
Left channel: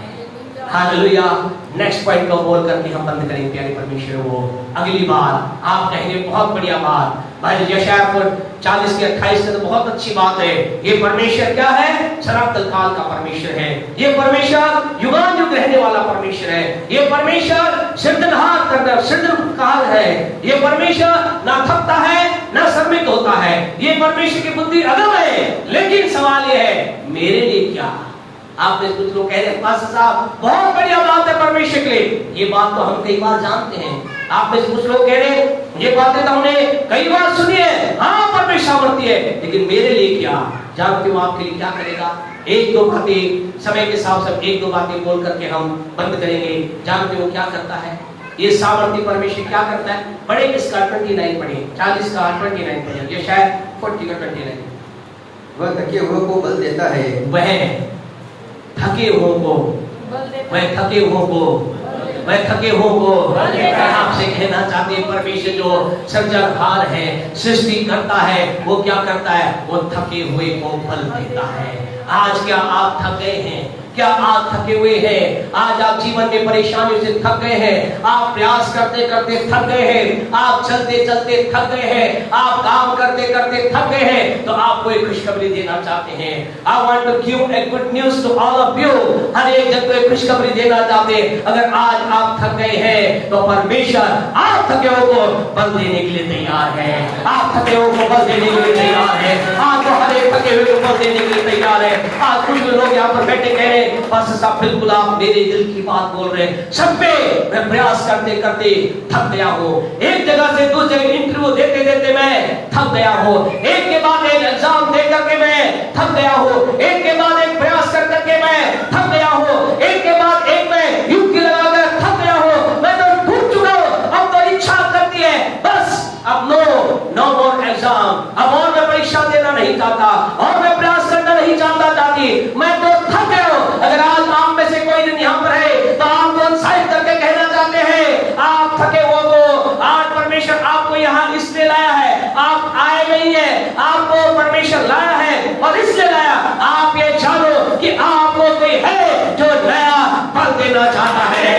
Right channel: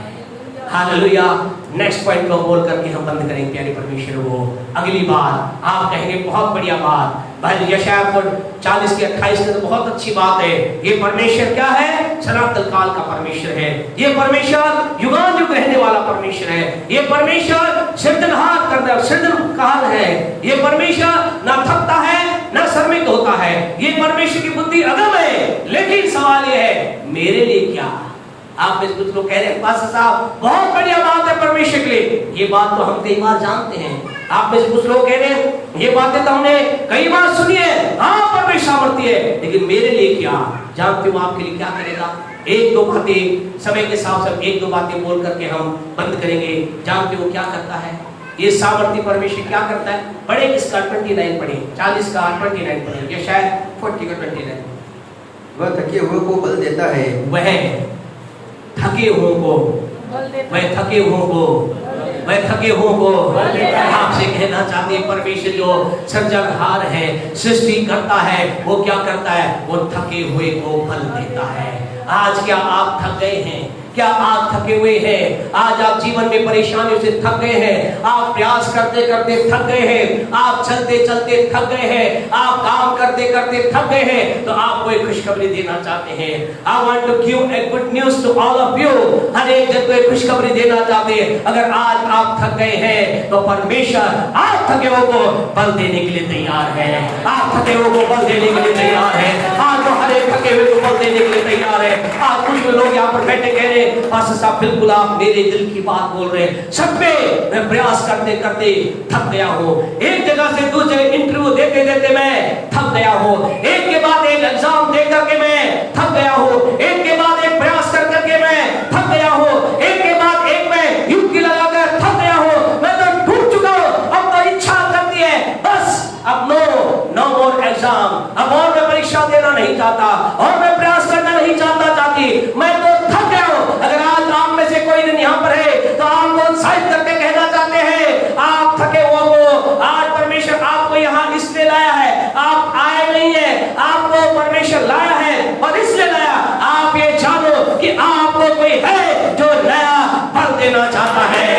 हालेलुया। नेक्स्ट पॉइंट को बोल करके हम बंद करेंगे प्यारे परमेश्वर वो। अगली बात आप कहेंगे बहुत बढ़िया बात, भाई यशायाह 40 के 28 में तो बहुत अच्छी बात है। ये परमेश्वर क्या है? सनातन काल का परमेश्वर है। ये परमेश्वर युगानुयुग रहने वाला परमेश्वर है। ये परमेश्वर सृजनहार करता सृजनकाल है। ये परमेश्वर ना थकता है ना श्रमिक होता है। ये परमेश्वर की बुद्धि अगम है। लेकिन सवाल ये है मेरे लिए क्या? आप में कुछ लोग कह रहे हैं पास्टर साहब बहुत बढ़िया बात है परमेश्वर के लिए, ये बात तो हम कई बार जानते हैं। आप में से कुछ लोग कह रहे हैं ये बातें तो हमने कई बार सुनी है, हाँ परमेश्वर सामर्थ्य है, लेकिन मेरे लिए क्या? जानते हो आपके लिए क्या करेगा? एक दो बातें समय के साथ सब एक दो बातें बोल करके हम बंद करेंगे। जानते हो क्या करता है ये सामर्थ्य परमेश्वर? क्या करता है? पढ़े इसका 29 पढ़े, 40 का 29 पढ़े, ये शायद 40 का 29। वह थके हुए को बल देता है, वह थके हुओं को, वह थके हुओं को, वह थके हुओं को आपसे कहना चाहते हैं परमेश्वर जो सृजनहार है, सृष्टि करता है, वो क्या करता है? वो थके हुए को बल देता है। आज क्या आप थक गए हैं? क्या आप थके हुए हैं? आज आप जीवन में परेशानियों से थक गए हैं, आप प्रयास करते करते थक गए हैं, आप चलते चलते थक गए हैं, आप काम करते करते थक गए हैं, तो आपको एक खुशखबरी देना चाहते हैं। I want to give a good news to all of you. हर एक जन को एक खुशखबरी देना चाहते हैं। अगर आज आप थक गए हैं तो परमेश्वर आप थके हुए को बल देने के लिए तैयार है। आप थके हुए को बल देने के लिए तैयार है। आपको हर एक थके हुए को बल देने के लिए तैयार है। आज कुछ लोग यहाँ पर बैठे कह रहे हैं पास्टर साहब बिल्कुल आप मेरे दिल की बात बोल रहे हैं। सब पे मैं प्रयास करते करते थक गया हूँ। एक जगह से दूसरे इंटरव्यू देते देते मैं थक गया हूँ। एक के बाद एक एग्जाम दे करके मैं थक गया हूँ। एक के बाद एक प्रयास कर करके मैं थक गया हूँ। एक के बाद एक मैं युक्ति लगाकर थक गया हूँ। मैं तो टूट चुका हूँ। अब तो इच्छा करती है बस अब नो मोर एग्जाम, अब और मैं परीक्षा देना नहीं चाहता और मैं प्रयास करना नहीं चाहती। मैं तो थक गया हूँ। अगर आज आप में से कोई दिन यहाँ पर है तो आप उत्साहित करके कहना चाहते हैं आप थके हुए को आज परमेश्वर आपको यहाँ इसलिए लाया है। आप आए नहीं है, आपको परमेश्वर लाया है और इसलिए लाया। आप ये जानो कि आपको कोई है जो नया फल देना चाहता है,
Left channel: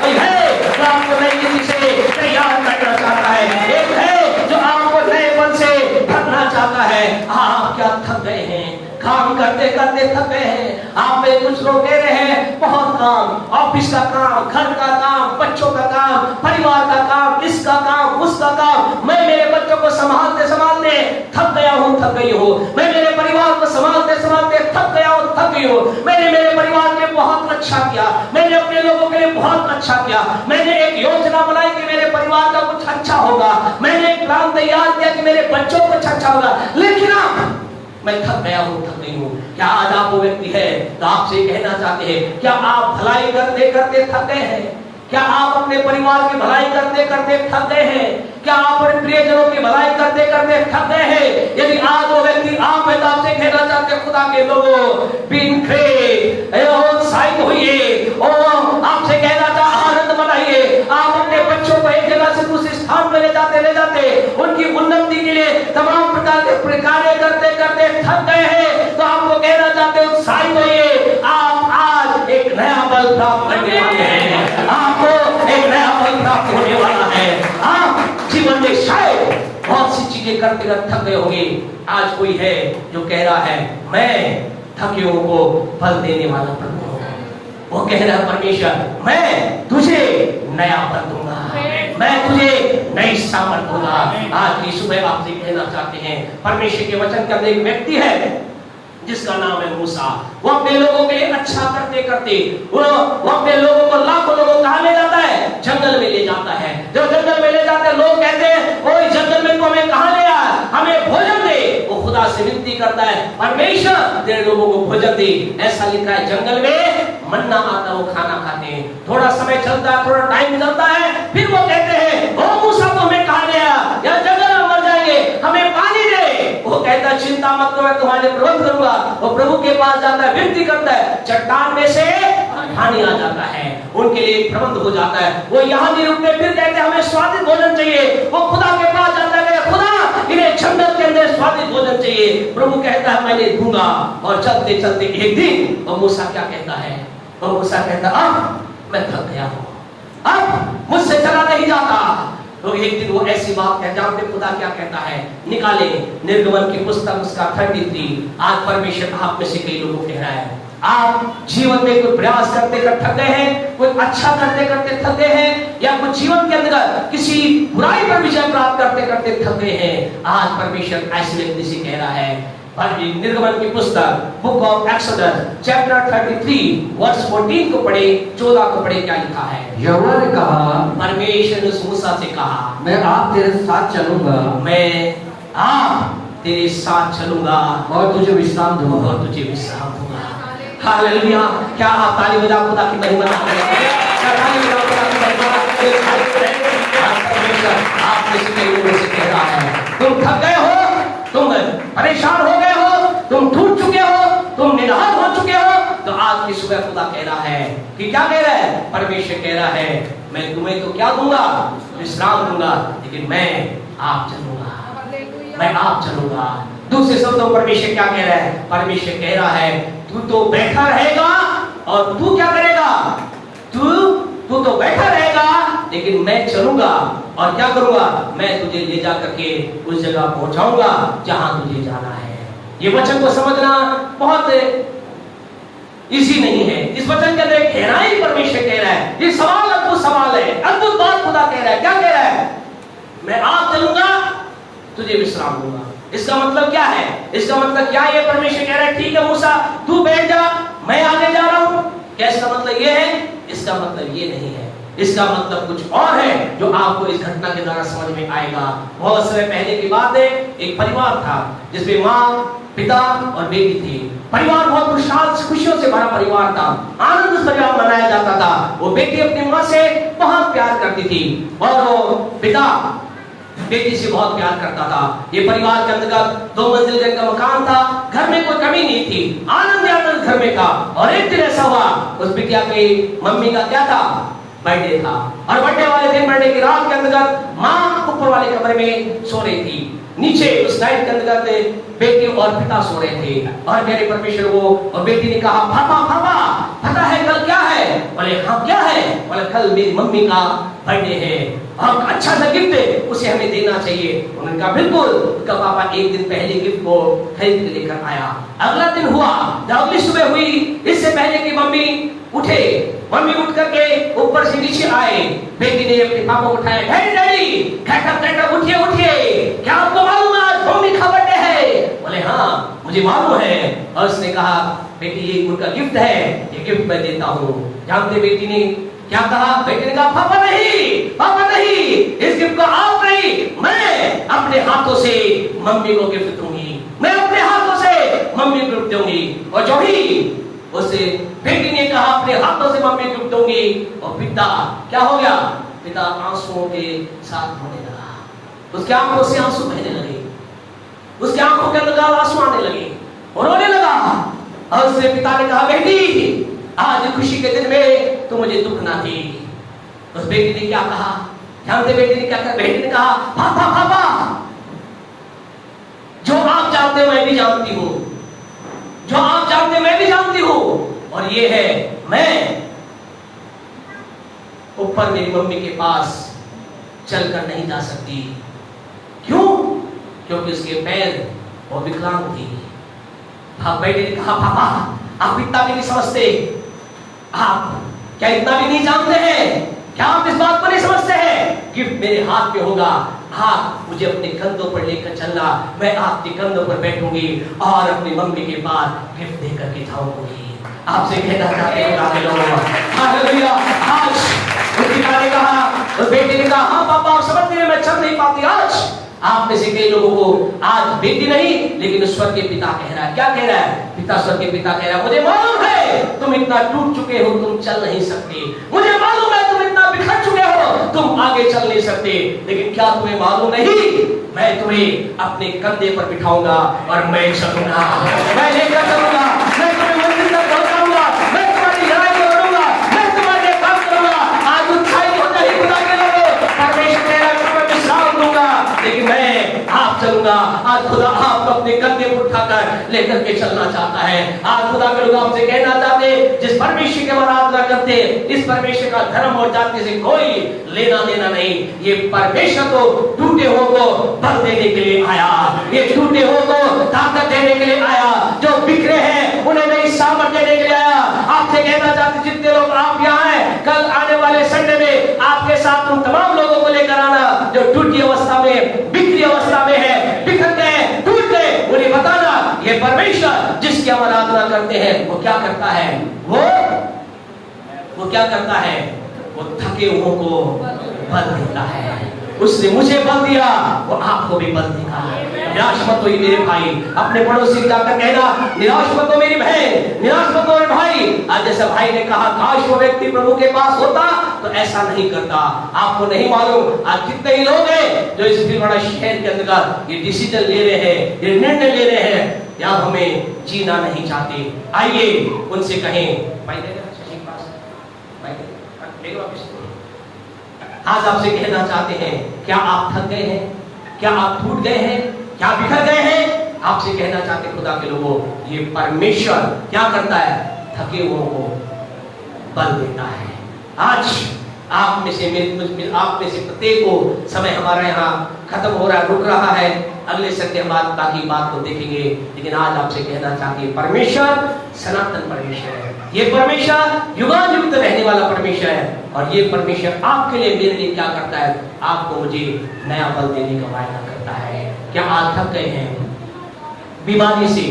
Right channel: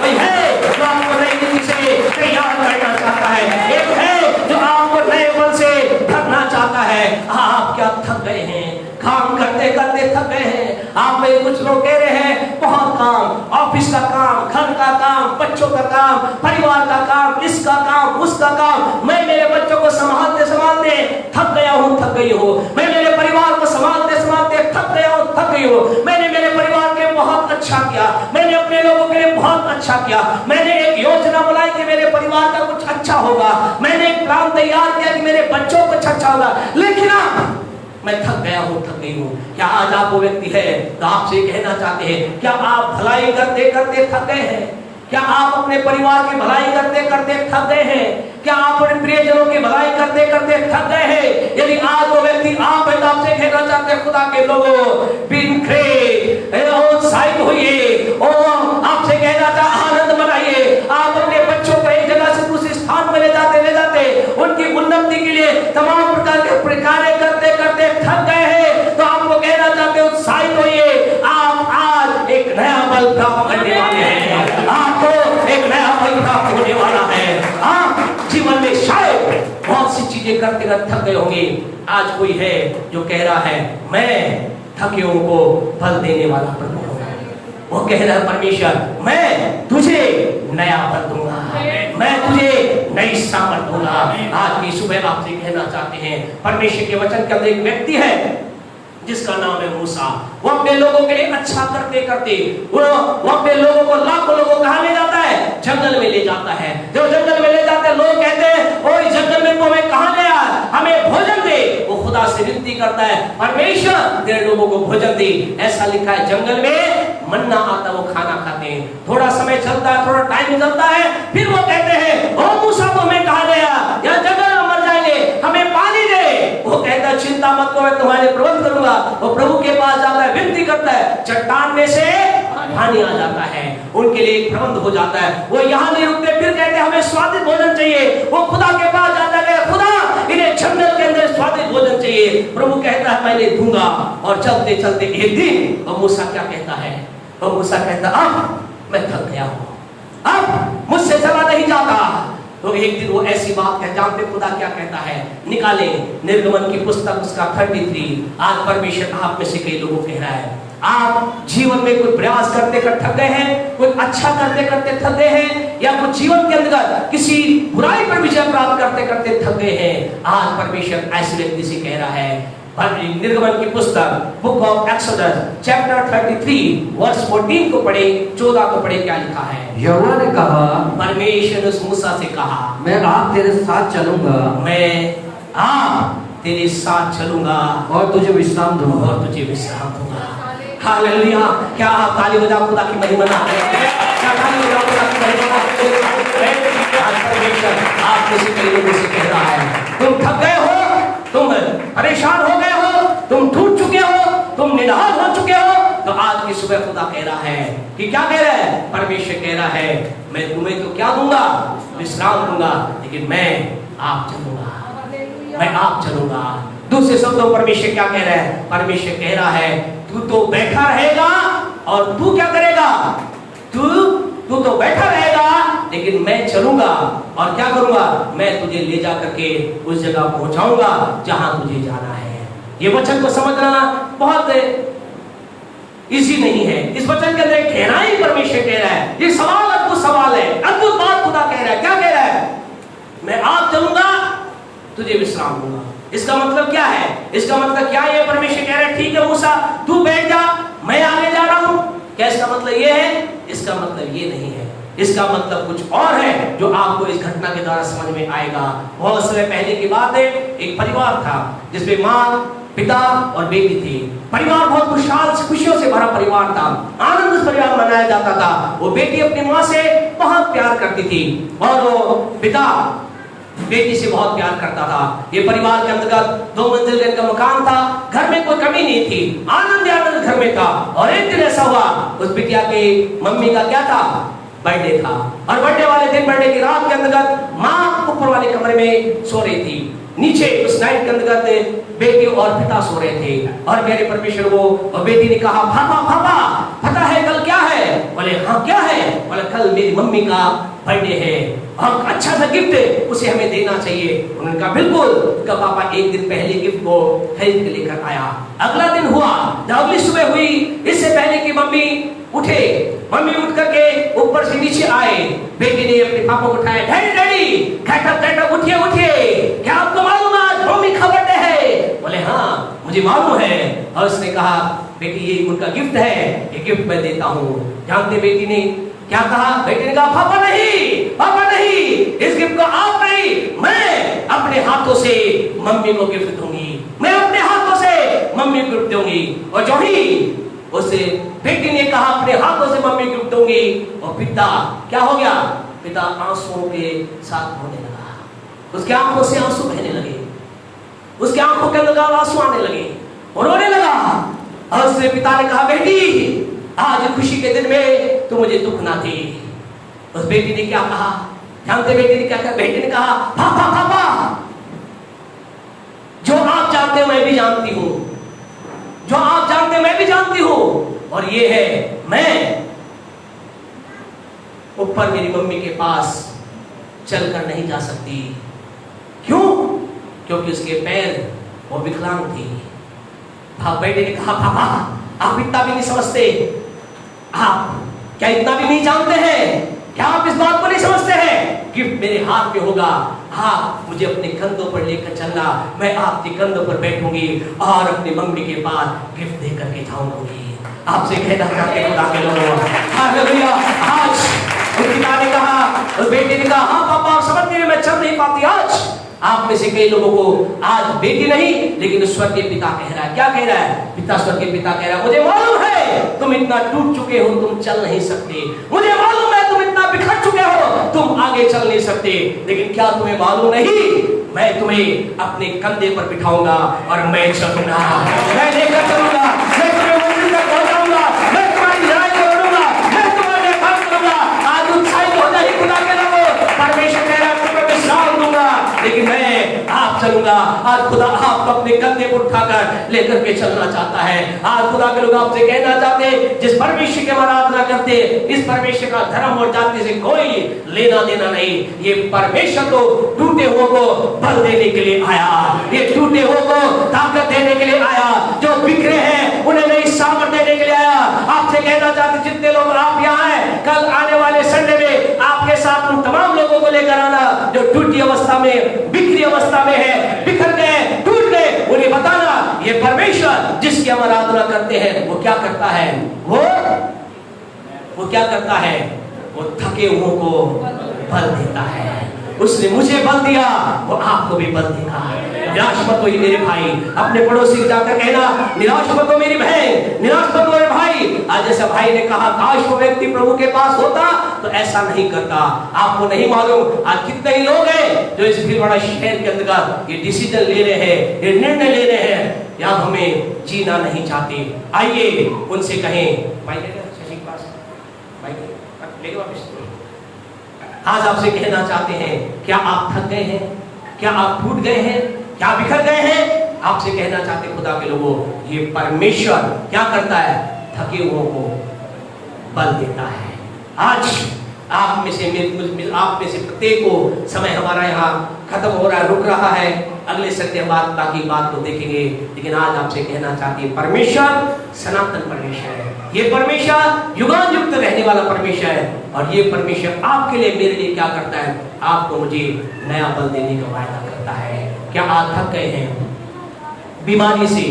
कोई है जो आपको नई नीति से तैयार करना चाहता है, एक है जो आपको नए फल से भरना चाहता है। आप क्या थक गए हैं? काम करते करते थक गए हैं। आप में कुछ लोग कह रहे हैं बहुत काम, ऑफिस का काम, घर का काम, बच्चों का काम, परिवार का काम, इसका काम, उसका काम। मैं मेरे बच्चों को संभालते संभालते थक गया हूँ, थक गई हूँ। मैं मेरे परिवार को संभालते संभालते थक गया हूँ, थक गई हूँ। मैंने मेरे परिवार के बहुत अच्छा किया, मैंने अपने लोगों के लिए बहुत अच्छा किया। मैंने एक योजना बनाई कि मेरे परिवार का कुछ अच्छा होगा। मैंने एक प्लान तैयार किया कि मेरे बच्चों को कुछ अच्छा होगा, लेकिन मैं थक गया हूँ, थक गई हूँ। क्या आज आप वो व्यक्ति है तो आपसे कहना चाहते हैं क्या आप भलाई करते करते थक गए हैं? क्या आप अपने परिवार की भलाई करते करते थक गए हैं? क्या आप अपने प्रियजनों की भलाई करते करते थक गए हैं? यदि आज वो व्यक्ति आप है तो आपसे कहना चाहते हैं खुदा के लोगों उत्साहित होइए और आपसे कहना चाहते आनंद मनाइए। आप अपने बच्चों को एक जगह से दूसरे स्थान में ले जाते उनकी उन्नति के लिए तमाम प्रकार के कार्य करते करते थक गए हैं तो आपको कहना चाहते हैं उत्साहित होइए। आप आज एक नया बल प्राप्त करने वाले हैं। आपको एक नया बल प्राप्त होने वाला है। आप जीवन में शायद बहुत सी चीजें करते करते थक गए होंगे। आज कोई है जो कह रहा है मैं थके हुओं को बल देने वाला प्रभु हूं। वो कह रहा है परमेश्वर मैं तुझे नया बल दूंगा, मैं तुझे नई सामर्थ दूंगा। आज की सुबह आपसे कहना चाहते हैं परमेश्वर के वचन के अंदर एक व्यक्ति है जिसका नाम है मूसा। वो अपने लोगों के लिए अच्छा करते करते वो अपने लोगों को लाखों लोगों कहाँ ले जाता है? जंगल में ले जाता है। जब जंगल में ले जाते हैं लोग कहते हैं ओए जंगल में तो हमें कहाँ ले आ, हमें भोजन दे। वो खुदा से विनती करता है परमेश्वर तेरे लोगों को भोजन दे। ऐसा लिखा है जंगल में मन्ना आता वो खाना खाते हैं। थोड़ा समय चलता है, थोड़ा टाइम चलता है, फिर वो कहते हैं ओ मूसा तो हमें कहाँ ले आ, या जंगल में मर जाएंगे, हमें पानी दे। वो कहता है चिंता मत करो मैं तुम्हारे प्रबंध करूंगा। वो प्रभु के पास जाता है, विनती करता है, चट्टान में से पानी आ जाता है, उनके लिए एक प्रबंध हो जाता है। वो यहाँ नहीं रुकते, फिर कहते हैं हमें स्वादिष्ट भोजन चाहिए। वो खुदा के पास जाता है खुदा इन्हें जंगल के अंदर स्वादिष्ट भोजन चाहिए। प्रभु कहता है मैंने दूंगा। और चलते चलते एक दिन वो मूसा क्या कहता है, वो मूसा कहता अब मैं थक गया हूँ, अब मुझसे चला नहीं जाता। तो एक दिन वो ऐसी बात है, जानते खुदा क्या कहता है, निकाले निर्गमन की पुस्तक उसका 33। आज परमेश्वर आप में से कई लोगों को कह रहा है, आप जीवन में कोई प्रयास करते कर थक गए हैं, कुछ अच्छा करते करते थक गए हैं, या कुछ जीवन के अंदर किसी बुराई पर विजय प्राप्त करते करते थक गए हैं। आज परमेश्वर ऐसे व्यक्ति से कह रहा है, निर्गमन की पुस्तक book of Exodus chapter 33 verse 14 को पढ़े, 14 को पढ़े, क्या लिखा है। यहोवा ने कहा, परमेश्वर ने मूसा से कहा, मैं आप तेरे साथ चलूंगा, मैं आप तेरे साथ चलूंगा और तुझे विश्राम दूंगा। और तुझे विश्राम दूंगा। हालेलुया। क्या आप ताली बजाओ खुदा की महिमा ना करें? क्या ताली बजाओ खुदा की महिमा करें? परमेश्वर आप में से कई लोगों से कह रहा है, तुम थक गए हो, तुम परेशान हो गए हो, तुम टूट चुके हो, तुम निराश हो चुके हो, तो आज की सुबह खुदा कह रहा है कि क्या कह रहा है, परमेश्वर कह रहा है मैं तुम्हें तो क्या दूंगा, विश्राम दूंगा, लेकिन मैं आप चलूंगा, मैं आप चलूंगा। दूसरे शब्दों परमेश्वर क्या कह रहा है, परमेश्वर कह रहा है तू तो बैठा रहेगा और तू क्या करेगा, तू तो बैठा रहेगा, लेकिन मैं चलूंगा और क्या करूंगा, मैं तुझे ले जा करके उस जगह पहुंचाऊंगा जहां तुझे जाना है। ये वचन को समझना बहुत इजी नहीं है। इस वचन के अंदर एक गहराई परमेश्वर कह रहा है। ये सवाल अद्भुत सवाल है, अद्भुत बात खुदा कह रहा है। क्या कह रहा है, मैं आप चलूंगा, तुझे विश्राम दूंगा। इसका मतलब क्या है, इसका मतलब क्या है, परमेश्वर कह रहा है ठीक है मूसा तू बैठ जा, मैं आगे जा रहा हूं। क्या इसका मतलब ये है, इसका मतलब ये नहीं है। इसका मतलब कुछ और है जो आपको इस घटना के द्वारा समझ में आएगा। बहुत समय पहले की बात है, एक परिवार था जिसमें माँ, पिता और बेटी थी। परिवार बहुत खुशहाल खुशियों से भरा परिवार था, आनंद परिवार मनाया जाता था। वो बेटी अपनी माँ से बहुत प्यार करती थी और वो पिता बेटी से बहुत प्यार करता था। ये परिवार के अंतर्गत 2 मंजिल का मकान था, घर में कोई कमी नहीं थी, आनंद आनंद घर में था। और एक दिन ऐसा हुआ, उस बिटिया के मम्मी का क्या था, बर्थडे था। और बर्थडे वाले दिन, बर्थडे की रात के अंतर्गत माँ ऊपर वाले कमरे में सो रही थी, नीचे उस नाइट के अंतर्गत बेटी और पिता सो रहे थे। और मेरे परमेश्वर वो और बेटी ने कहा, पापा पापा पता है कल क्या है? बोले हाँ क्या है? बोले कल मेरी मम्मी का बर्थडे है और अच्छा सा गिफ्ट है, उसे हमें देना चाहिए। उन्होंने कहा बिल्कुल। उसका पापा एक दिन पहले गिफ्ट को खरीद के लेकर आया। अगला दिन हुआ, जब अगली सुबह हुई, इससे पहले कि मम्मी उठे, मम्मी उठ करके ऊपर से नीचे आए, बेटी ने अपने पापा को उठाया, डैडी डैडी कहकर उठिए उठिए, क्या आपको मालूम आज मम्मी का बर्थडे है? बोले हाँ मुझे मालूम है। और उसने कहा बेटी ये उनका गिफ्ट है, ये गिफ्ट मैं देता हूँ। जानते बेटी ने क्या कहा? बेटी ने कहा पापा नहीं, इस गिफ्ट को आप नहीं, मैं अपने हाथों से मम्मी को गिफ्ट दूंगी, मैं अपने हाथों से मम्मी को गिफ्ट दूंगी। और जो ही उसे बेटी ने कहा अपने हाथों से मम्मी गिफ्ट दूंगी, और पिता क्या हो गया, पिता आंसुओं के साथ रोने लगा। उसके आंखों से आंसू बहने लगे, उसके आंखों के अंदर आंसू आने लगे और रोने लगा। और उससे पिता ने कहा बेटी आज खुशी के दिन में तो मुझे दुख ना थी। उस बेटी ने क्या कहा जानते? बेटी ने क्या कहा? बेटी ने कहा पापा पापा जो आप जानते हो मैं भी जानती हूँ, जो आप जानते मैं भी जानती हूँ। और ये है मैं ऊपर मेरी मम्मी के पास चलकर नहीं जा सकती। क्यों? क्योंकि उसके पैर वो विकलांग थी। बेटे ने कहा पापा आप इतना भी नहीं समझते, आप क्या इतना भी नहीं जानते हैं? क्या आप इस बात को नहीं समझते हैं कि मेरे हाथ में होगा, आप मुझे अपने कंधों पर लेकर चलना, मैं आपके कंधों पर बैठूंगी और अपनी मम्मी के पास गिफ्ट दे करके जाऊंगी। आपसे कहना चाहते हालेलुया। आज उस पिता ने कहा, उस बेटे ने कहा हाँ पापा समझ गए, मैं चल नहीं पाती। आज आप में से कई लोगों को आज बेटी नहीं लेकिन स्वर्गीय पिता कह रहा है। क्या कह रहा है? पिता स्वर्गीय पिता कह रहा है मुझे मालूम है तुम इतना टूट चुके हो, तुम चल नहीं सकते, मुझे मालूम है तुम इतना बिखर चुके हो, तुम आगे चल नहीं सकते, लेकिन क्या तुम्हें मालूम नहीं मैं तुम्हें अपने कंधे पर बिठाऊंगा और मैं चलूंगा, मैं लेकर चलूंगा, मैं तुम्हें मंदिर तक पहुंचाऊंगा, मैं तुम्हारी लड़ाई लड़ूंगा, मैं तुम्हारे काम करूंगा। आज उत्साहित होता ही खुदा के लोगों परमेश्वर कह रहा है मैं विश्राम दूंगा, लेकिन मैं आप चलूंगा। आज खुदा आपको अपने कंधे पर उठाकर लेकर के चलना चाहता है। आज खुदा के लोग आपसे कहना चाहते हैं, जिस परमेश्वर की आराधना करते हैं, इस परमेश्वर का धर्म और जाति से कोई लेना देना नहीं। ये परमेश्वर तो टूटे हुओं को बल देने के लिए आया, ये टूटे हुओं को ताकत देने के लिए आया, जो बिखरे हैं उन्हें नई सामर्थ देने के लिए आया। आपसे कहना चाहते, जितने लोग आप यहाँ हैं, कल आने वाले संडे में आपके साथ उन तमाम लोगों को लेकर आना जो टूटी अवस्था में, बिखरी अवस्था में है, बिखर गए, टूट गए, उन्हें बताना ये परमेश्वर जिसकी हम आराधना करते हैं वो क्या करता है, वो क्या करता है, वो थके हुओं को बल देता है। उसने मुझे बल दिया, वो आपको भी बल देगा। निराश मत हो मेरे भाई, अपने पड़ोसी को जाकर कहना, निराश मत हो मेरी बहन, निराश मत हो मेरे भाई। आज जैसे भाई ने कहा, काश वो व्यक्ति प्रभु के पास होता तो ऐसा नहीं करता। आपको नहीं मालूम आज कितने ही लोग हैं जो इस भीड़ बड़ा शहर के अंदर ये डिसीजन ले रहे हैं, ये निर्णय ले रहे हैं, या हमें जीना नहीं चाहते। आइए उनसे कहें, आज आपसे कहना चाहते हैं, क्या आप थक गए हैं, क्या आप टूट गए हैं, क्या बिखर गए हैं? आपसे कहना चाहते खुदा के लोगों, ये परमेश्वर क्या करता है, थके हुओं को बल देता है। आज आप में से आप में से प्रत्येक को समय हमारा यहाँ खत्म हो रहा है, रुक रहा है। अगले संडे हम बाकी बात को देखेंगे, लेकिन आज आपसे कहना चाहती है, परमेश्वर सनातन परमेश्वर है। ये परमेश्वर युगानुयुक्त रहने वाला परमेश्वर है, और ये परमेश्वर आपके लिए, मेरे लिए क्या करता है, आपको मुझे नया बल देने का वादा करता है। क्या आप थक गए हैं बीमारी से,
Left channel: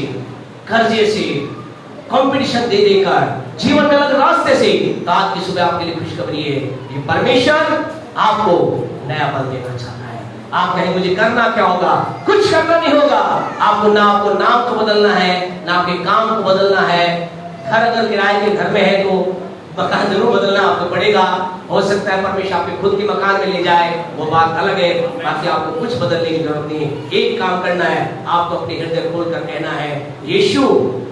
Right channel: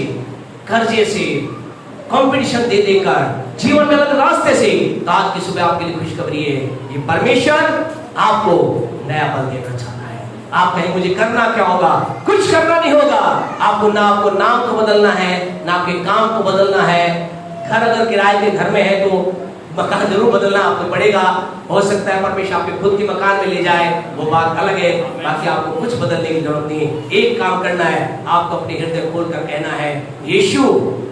कर्जे से, कंपटीशन दे देकर, जीवन में अलग रास्ते से? तो आज की सुबह आपके लिए खुशखबरी है, ये परमेश्वर आपको नया बल देना चाहता है। आप कहें मुझे करना क्या होगा? कुछ करना नहीं होगा। आपको नाम तो बदलना है, ना आपके काम को बदलना है। घर अगर किराए के घर में है तो मकान जरूर बदलना आपको पड़ेगा। हो सकता है परमेश्वर आपके खुद के मकान में ले जाए, वो बात अलग है। बाकी आपको कुछ बदलने की जरूरत नहीं है। एक काम करना है, आपको अपने हृदय खोल कर कहना है, यीशु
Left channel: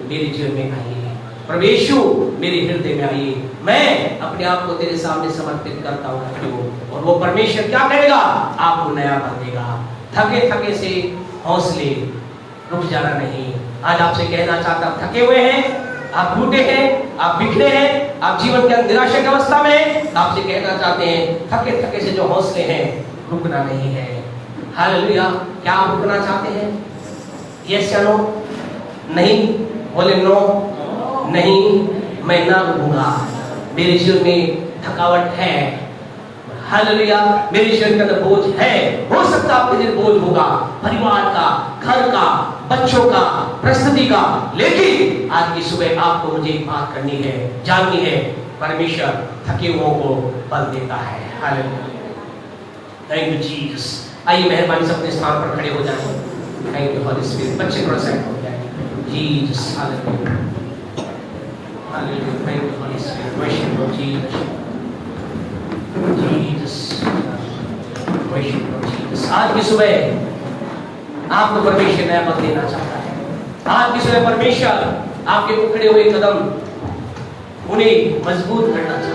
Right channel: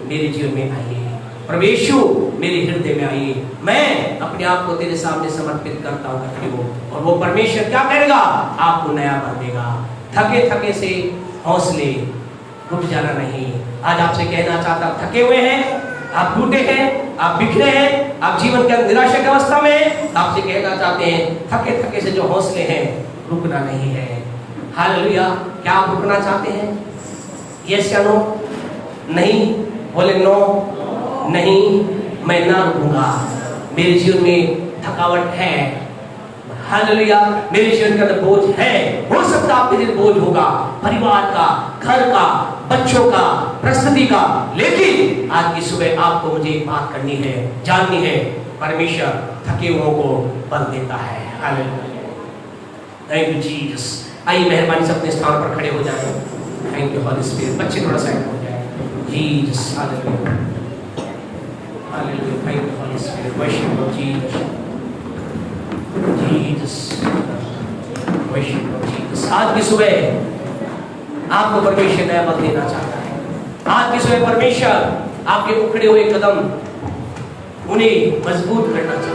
मेरे जीवन में आइए, प्रभु यीशु मेरे हृदय में आइए, मैं अपने आप को तेरे सामने समर्पित करता हूँ। और वो परमेश्वर क्या करेगा, आपको नया बल देगा। थके थके से हौसले, रुक जाना नहीं। आज आपसे कहना चाहता हूं, थके हुए हैं, आप टूटे हैं, आप बिखरे हैं, आप जीवन के निराशा की अवस्था में, आपसे कहना चाहते हैं, थके थके से जो हौसले हैं, रुकना नहीं है। हालेलुया। क्या आप रुकना चाहते हैं? यस या नो? नहीं बोले, नो नहीं, मैं ना रुकूंगा। मेरे जीवन में थकावट है, हालेलुया, मेरे जीवन के अंदर बोझ है। हो सकता है आपके दिन बोझ होगा, परिवार का, घर का, बच्चों का, परिस्थिति का, लेकिन आज की सुबह आपको मुझे एक बात करनी है, जाननी है, परमेश्वर थके हुओं को बल देता है। Hallelujah, thank you Jesus. आइए मेहरबानी से अपने स्थान पर खड़े हो जाएं। Thank you Holy Spirit. बच्चे थोड़ा साइड हो जाए। Jesus, hallelujah, hallelujah, thank you Holy Spirit. Worship you Jesus, Jesus, worship you Jesus. आज की सुबह आपको परमेश्वर नया बल देना चाहता है। आज की सुबह परमेश्वर आपके उखड़े हुए कदम उन्हें मजबूत करना चाहता है।